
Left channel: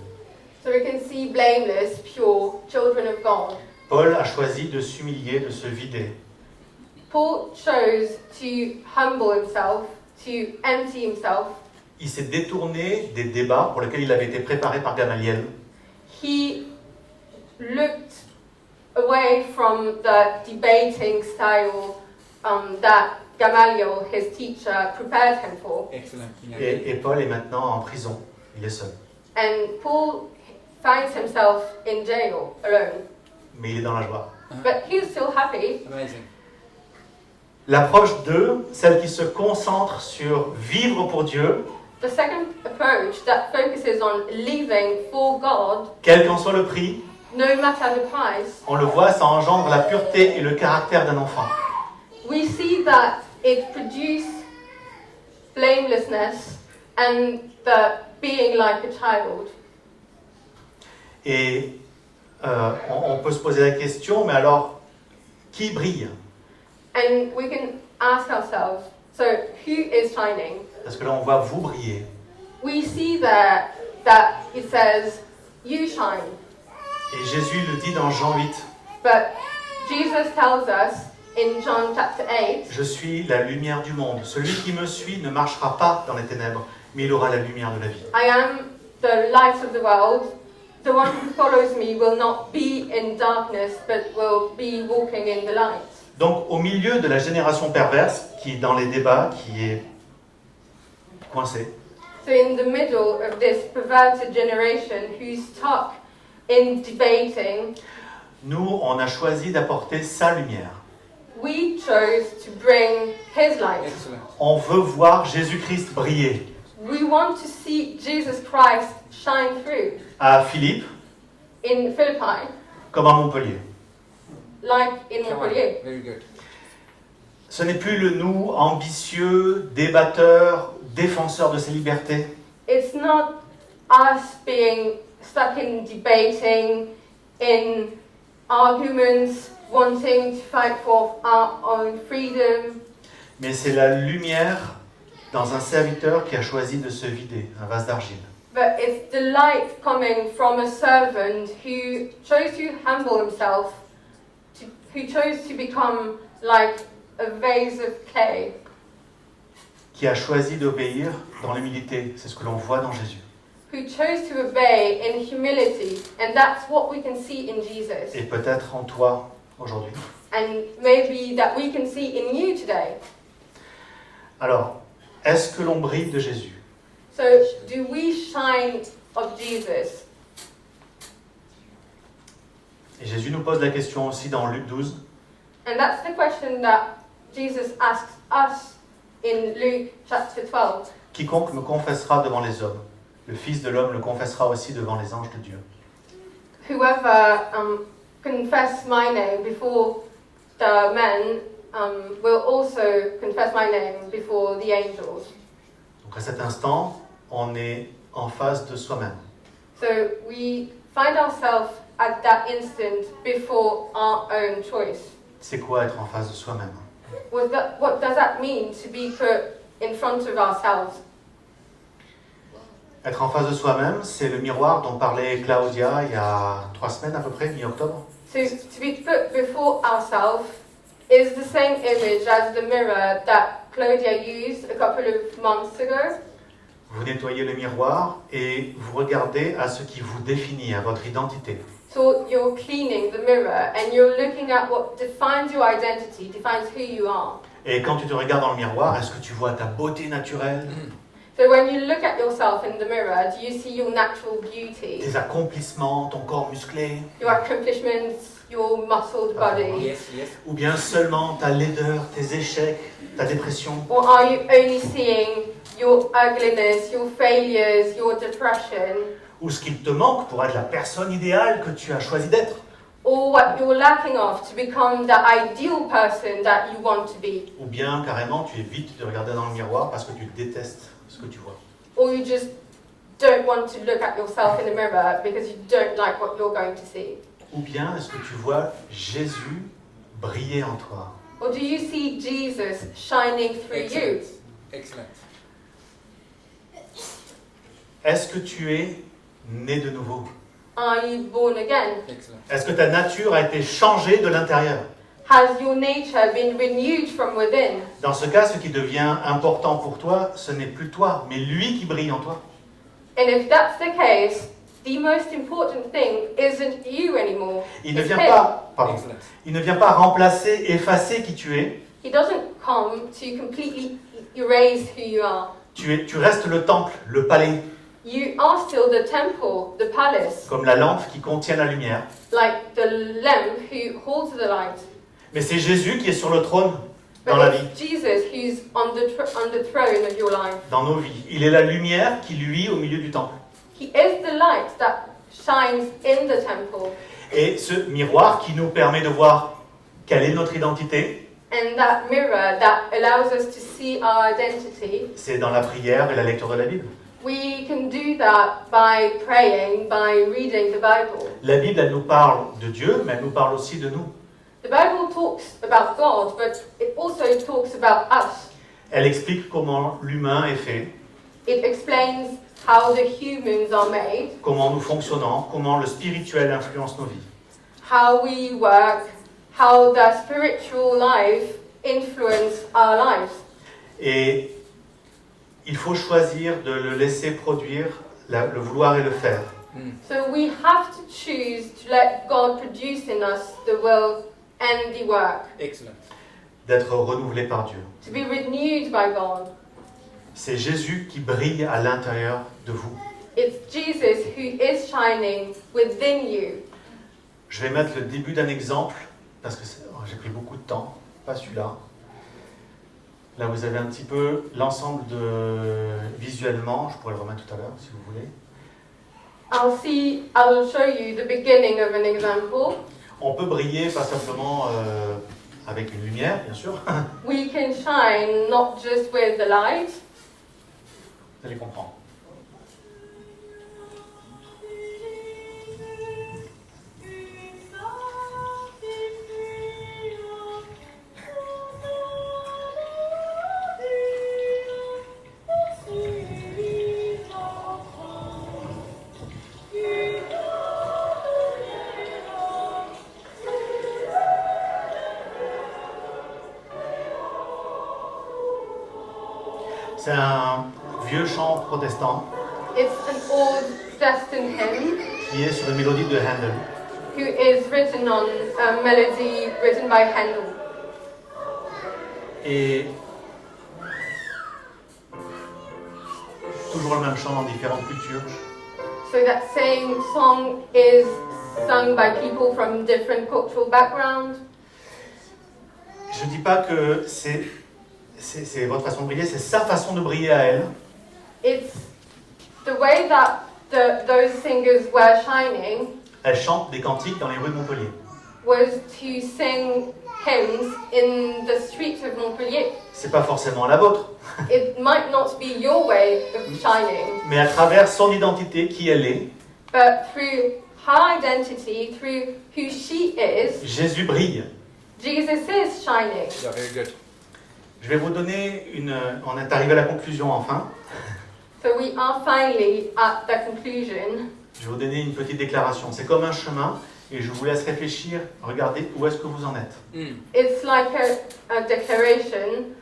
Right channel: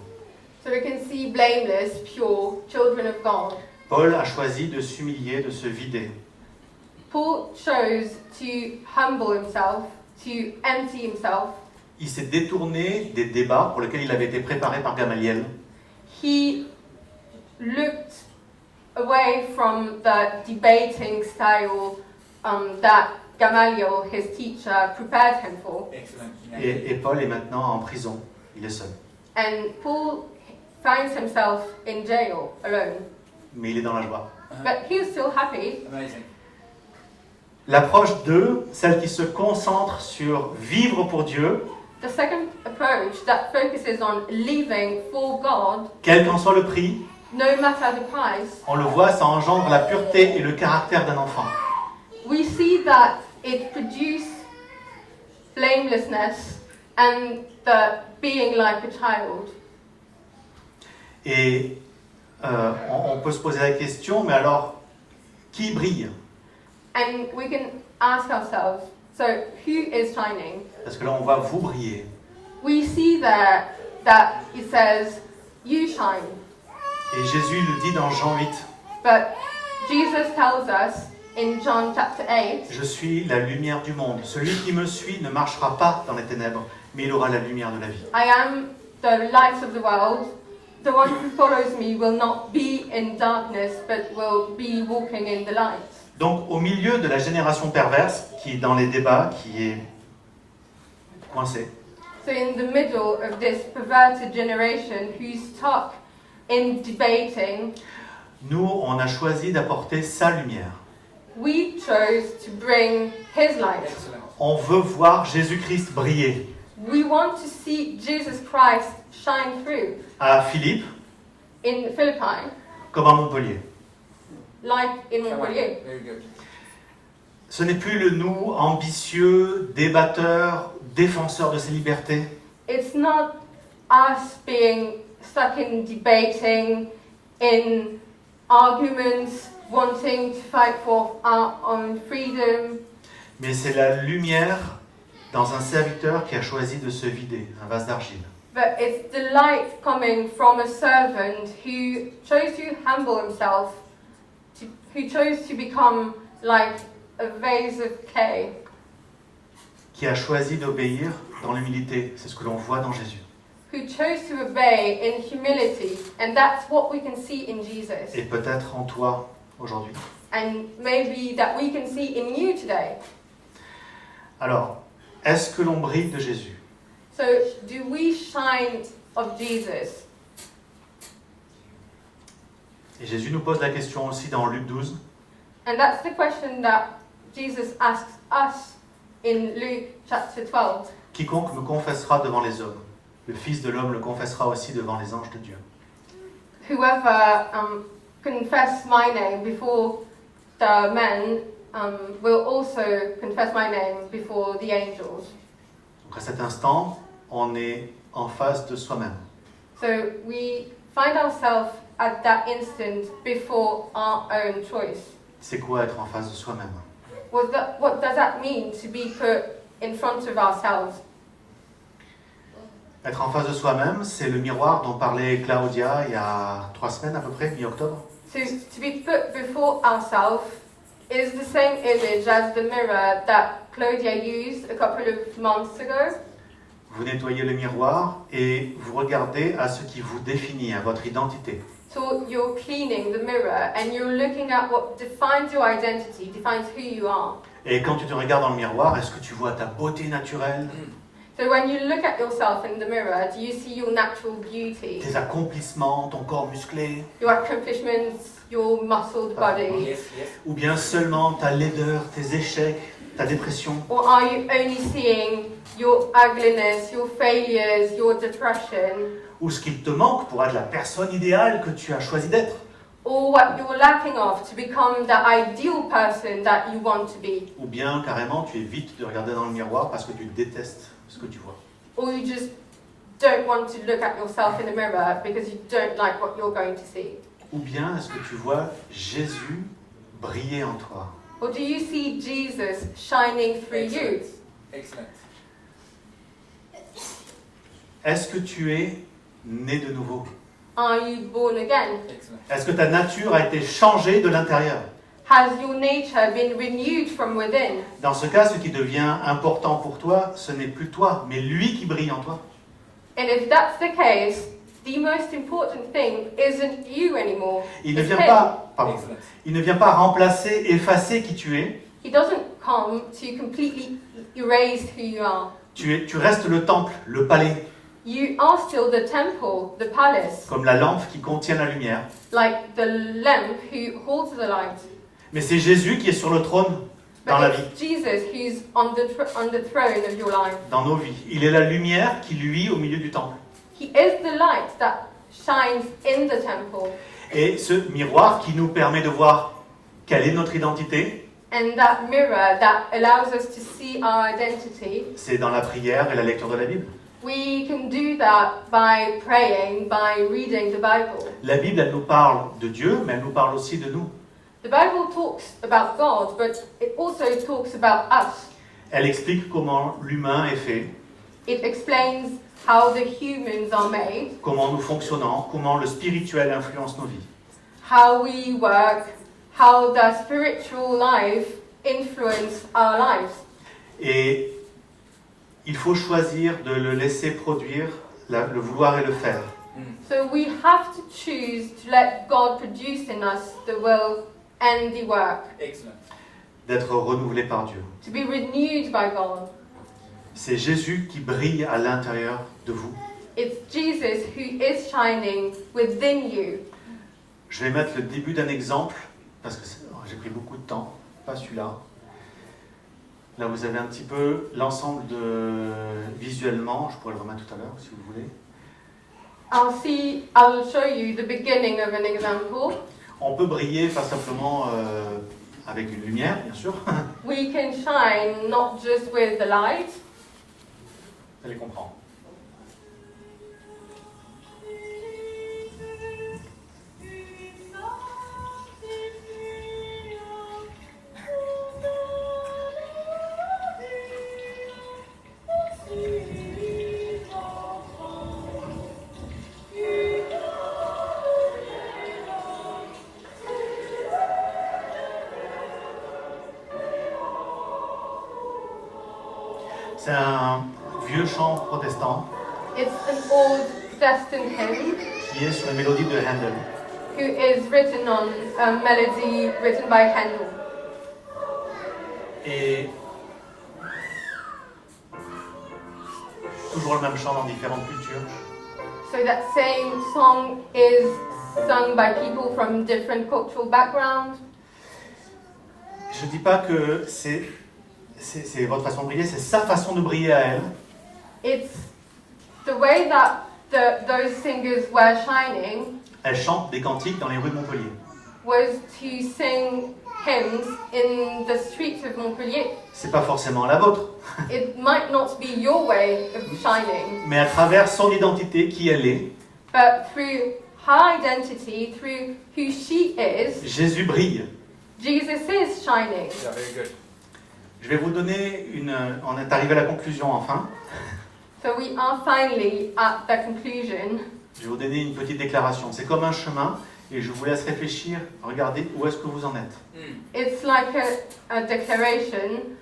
So we can see blameless, pure, children of God. Paul a choisi de s'humilier, de se vider. Paul chose to humble himself, to empty himself. Il s'est détourné des débats pour lesquels il avait été préparé par Gamaliel. He looked away from the debating style that Gamaliel, his teacher, prepared him for. Excellent. Et Paul est maintenant en prison. Il est seul. And Paul finds himself in jail alone. Mais il est dans la joie. But he's still happy. Amazing. L'approche 2, celle qui se concentre sur vivre pour Dieu, The second approach that focuses on living for God, quel qu'en soit le prix, no matter the price, on le voit, ça engendre la pureté et le caractère d'un enfant. we see that it produces blamelessness and the being like a child. Et on peut se poser la question, mais alors, qui brille? And we can ask ourselves, so who is shining? Parce que là, on voit vous briller. We see there that it says, you shine. Et Jésus le dit dans Jean 8, But Jesus tells us in John chapter 8, je suis la lumière du monde. Celui qui me suit ne marchera pas dans les ténèbres, mais il aura la lumière de la vie. I am the light of the world. The one who follows me will not be in darkness, but will be walking in the light. Donc, au milieu de la génération perverse, qui est dans les débats, qui est coincée, So in the middle of this perverted generation who's stuck in debating, nous, on a choisi d'apporter sa lumière. we chose to bring his light. Excellent. On veut voir Jésus-Christ briller. We want to see Jesus Christ shine through À Philippe, in Philippi, comme à Montpellier. like in Montpellier. Very good. Ce n'est plus le nous ambitieux, débatteur, défenseur de ses libertés. It's not us being stuck in debating, in arguments, wanting to fight for our own freedom, Mais c'est la lumière dans un serviteur qui a choisi de se vider, un vase d'argile. but it's the light coming from a servant who chose to humble himself, who chose to become like a vase of clay, Qui a choisi d'obéir dans l'humilité. C'est ce que l'on voit dans Jésus. who chose to obey in humility, and that's what we can see in Jesus, Et peut-être en toi aujourd'hui. and maybe that we can see in you today. Alors, est-ce que l'on brille de Jésus? So, do we shine of Jesus? Et Jésus nous pose la question aussi dans Luc 12. And that's the question that Jesus asks us in Luke chapter 12. Quiconque me confessera devant les hommes, le Fils de l'homme le confessera aussi devant les anges de Dieu. Whoever confess my name before the men will also confess my name before the angels. Donc à cet instant, on est en face de soi-même. So we find ourselves at that instant before our own choice. C'est quoi être en face de soi-même? What does that mean to be put in front of ourselves? Être en face de soi-même, c'est le miroir dont parlait Claudia il y a 3 semaines à peu près, mi-octobre. So to be put before ourselves is the same image as the mirror that Claudia used a couple of months ago. Vous nettoyez le miroir et vous regardez à ce qui vous définit, à votre identité. So you're cleaning the mirror and you're looking at what defines your identity, defines who you are. Et quand tu te regardes dans le miroir, est-ce que tu vois ta beauté naturelle? So So when you look at yourself in the mirror, do you see your natural beauty, tes accomplissements, ton corps musclé, your accomplishments, your muscled body? Yes, yes. ou bien seulement ta laideur, tes échecs, ta dépression? Or are you only seeing your ugliness, your failures, your depression, Ou ce qu'il te manque pour être la personne idéale que tu as choisi d'être? or what you're lacking of to become the ideal person that you want to be? Ou bien carrément tu évites de regarder dans le miroir parce que tu détestes ce que tu vois? Or you just don't want to look at yourself in the mirror because you don't like what you're going to see? Ou bien est-ce que tu vois Jésus briller en toi? Or do you see Jesus shining through you? Excellent. Est-ce que tu es né de nouveau? Are you born again? Excellent. Est-ce que ta nature a été changée de l'intérieur? Has your nature been renewed from within? Dans ce cas, ce qui devient important pour toi, ce n'est plus toi, mais lui qui brille en toi. And if that's the case, the most important thing isn't you anymore. Il ne It's vient him. pas, pardon, Excellent. il ne vient pas remplacer, effacer qui tu es. He doesn't come to completely erase who you are. Tu restes le temple, le palais, You are still the temple, the palace, comme la lampe qui contient la lumière. like the lamp who holds the light. Mais c'est Jésus qui est sur le trône dans la But vie, it's Jesus who's on the throne of your life. dans nos vies. Il est la lumière qui luit au milieu du temple. He is the light that shines in the temple. Et ce miroir qui nous permet de voir quelle est notre identité, And that mirror that allows us to see our identity, c'est dans la prière et la lecture de la Bible. we can do that by praying, by reading the Bible. La Bible, elle nous parle de Dieu, mais elle nous parle aussi de nous. The Bible talks about God, but it also talks about us. Elle explique comment l'humain est fait, It explains how the humans are made, comment nous fonctionnons, comment le spirituel influence nos vies. how we work, how the spiritual life influence our lives. Et il faut choisir de le laisser produire, le vouloir et le faire. So we have to choose to let God produce in us the will and the work, Excellent. D'être renouvelé par Dieu. to be renewed by God. C'est Jésus qui brille à l'intérieur de vous. It's Jesus who is shining within you. Je vais mettre le début d'un exemple, parce que j'ai pris beaucoup de temps, pas celui-là. Là, vous avez un petit peu l'ensemble de visuellement, je pourrais le remettre tout à l'heure si vous voulez. I'll show you the beginning of an example. On peut briller pas simplement avec une lumière, bien sûr. We can shine not just with the light. Vous allez comprendre. C'est un vieux chant protestant It's an old Protestant hymn qui est sur une mélodie de Handel. who is written on a melody written by Handel. Et toujours le même chant dans différentes cultures. So that same song is sung by people from different cultural backgrounds. Je ne dis pas que c'est votre façon de briller, c'est sa façon de briller à elle. It's the way that those singers were shining Elle chante des cantiques dans les rues de Montpellier. was to sing hymns in the streets of Montpellier. C'est pas forcément la vôtre, It might not be your way of shining, mais à travers son identité, qui elle est, but through her identity, through who she is, Jésus brille. Jesus is shining. Yeah, very good. Je vais vous donner on est arrivé à la conclusion enfin. So we are finally at the conclusion. Je vais vous donner une petite déclaration. C'est comme un chemin et je vous laisse réfléchir, regardez où est-ce que vous en êtes. It's like a declaration,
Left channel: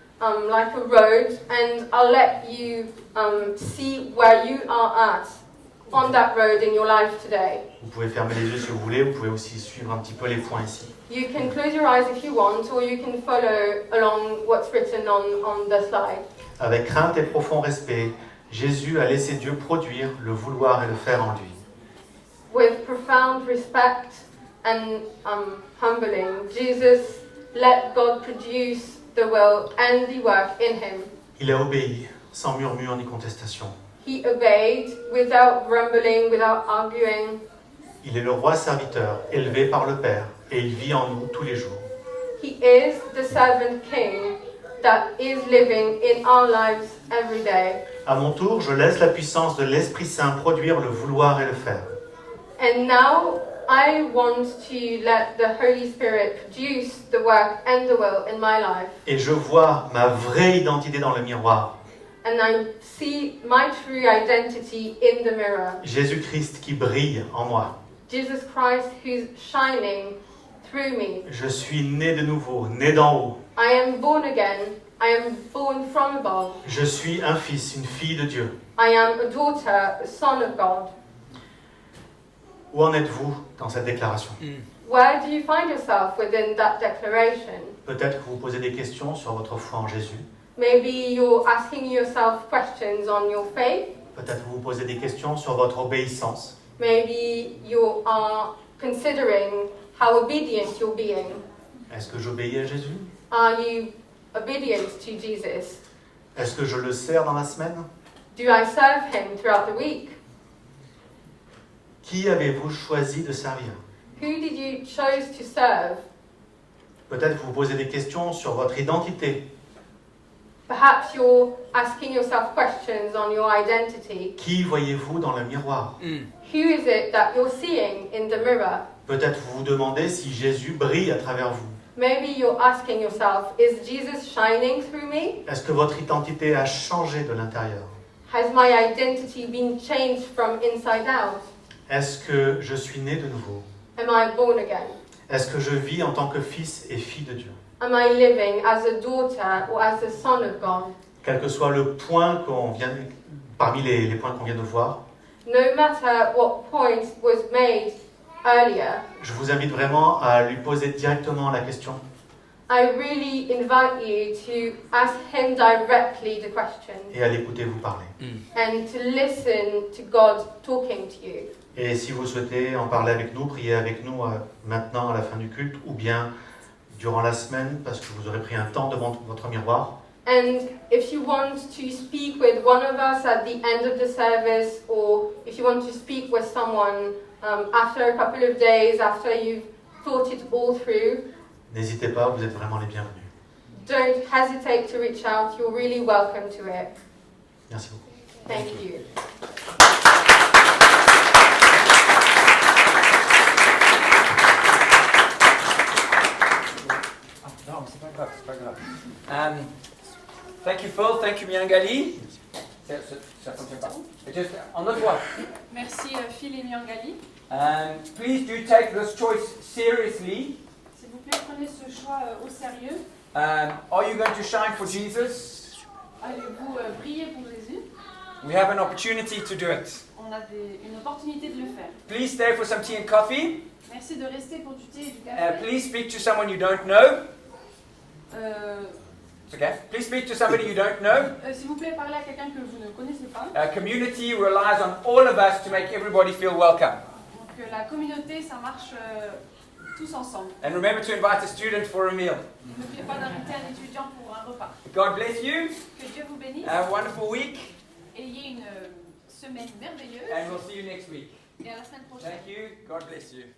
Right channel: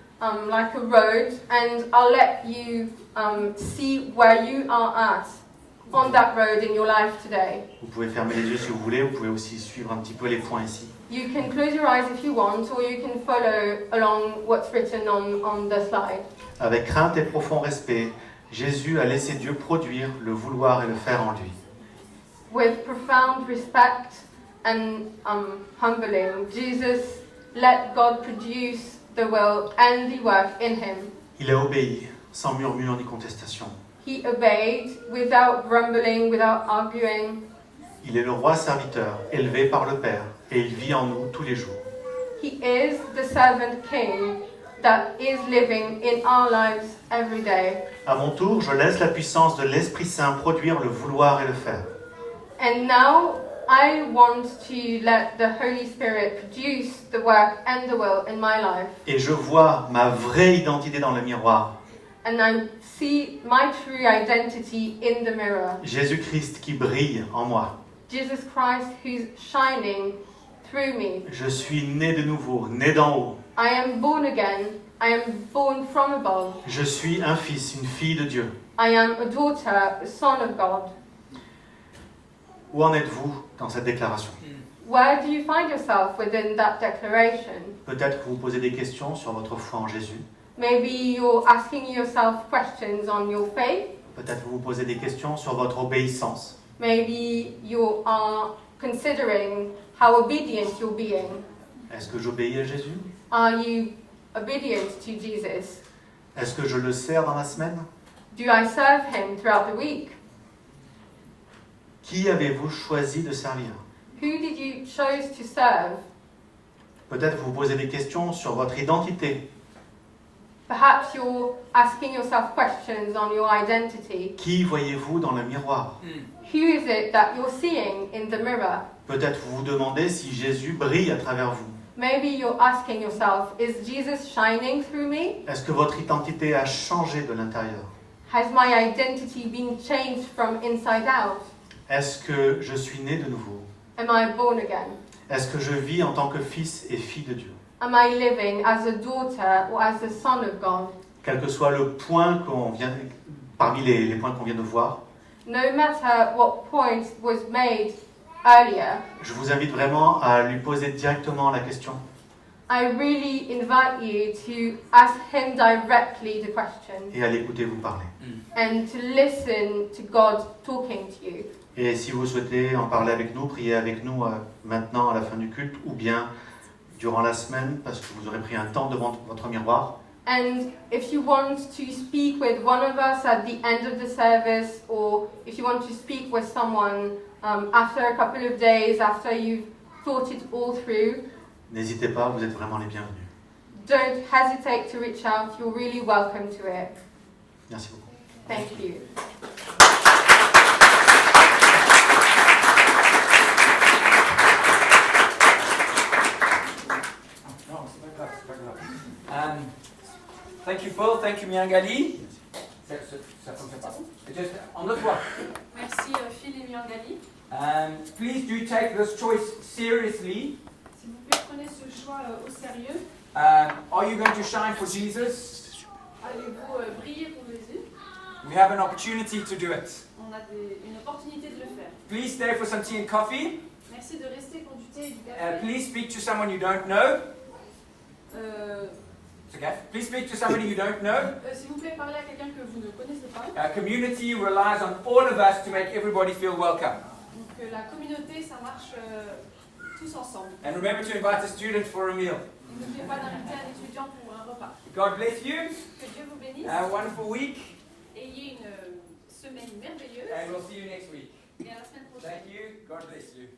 like a road, and I'll let you see where you are at on that road in your life today. Vous pouvez fermer les yeux si vous voulez, vous pouvez aussi suivre un petit peu les points ici. You can close your eyes if you want, or you can follow along what's written on the slide. Avec crainte et profond respect, Jésus a laissé Dieu produire le vouloir et le faire en lui. With profound respect and humbling, Jesus let God produce the will and the work in him. Il a obéi, sans murmure ni contestation. He obeyed without grumbling, without arguing. Il est le roi serviteur, élevé par le Père, et il vit en nous tous les jours. He is the servant king that is living in our lives every day. À mon tour, je laisse la puissance de l'Esprit Saint produire le vouloir et le faire. And now I want to let the Holy Spirit produce the work and the will in my life. Et je vois ma vraie identité dans le miroir. And I see my true identity in the mirror. Jésus-Christ qui brille en moi. Jesus Christ who's shining through me. Je suis né de nouveau, né d'en haut. I am born again. I am born from above. Je suis un fils, une fille de Dieu. I am a daughter, a son of God. Où en êtes-vous dans cette déclaration? Where do you find yourself within that declaration? Peut-être que vous posez des questions sur votre foi en Jésus. Maybe you're asking yourself questions on your faith. Peut-être que vous posez des questions sur votre obéissance. Maybe you are considering how obedient you're being. Est-ce que j'obéis à Jésus? Are you obedient to Jesus? Est-ce que je le sers dans la semaine? Do I serve him throughout the week? Qui avez-vous choisi de servir? Who did you choose to serve? Peut-être que vous posez des questions sur votre identité. Perhaps you're asking yourself questions on your identity. Qui voyez-vous dans le miroir? Who is it that you're seeing in the mirror? Peut-être vous vous demandez si Jésus brille à travers vous. Maybe you're asking yourself, is Jesus shining through me? Est-ce que votre identité a changé de l'intérieur? Has my identity been changed from inside out? Est-ce que je suis né de nouveau? Am I born again? Est-ce que je vis en tant que fils et fille de Dieu? Am I living as a daughter or as a son of God? Quel que soit le point parmi les points qu'on vient de voir, No matter what point was made earlier, je vous invite vraiment à lui poser directement la question. I really invite you to ask him directly the question Et à l'écouter vous parler. and to listen to God talking to you. Et si vous souhaitez en parler avec nous, priez avec nous maintenant à la fin du culte ou bien durant la semaine parce que vous aurez pris un temps devant votre miroir. And if you want to speak with one of us at the end of the service, or if you want to speak with someone after a couple of days, after you've thought it all through, N'hésitez pas, vous êtes vraiment les bienvenus. don't hesitate to reach out. You're really welcome to it. Merci beaucoup. Thank you. Thank you, Phil. Thank you, Miangali. Ça fonctionne pas. Just on the voix. Merci Phil et Miangali. Please do take this choice seriously. S'il vous plaît, prenez ce choix au sérieux. Are you going to shine for Jesus? Allez-vous briller pour Jésus? We have an opportunity to do it. On a une opportunité de le faire. Please stay for some tea and coffee. Merci de rester pour du thé et du café. Please speak to someone you don't know. Euh, It's okay. Please speak to somebody you don't know. S'il vous plaît, parlez à quelqu'un que vous ne connaissez pas. Community relies on all of us to make everybody feel welcome. Donc la communauté, ça marche tous ensemble. And remember to invite a student for a meal. N'oubliez pas d'inviter un étudiant pour un repas. God bless you. Que Dieu vous bénisse. Have a wonderful week. Ayez une semaine merveilleuse. And we'll see you next week. Et à la semaine prochaine. Thank you. God bless you.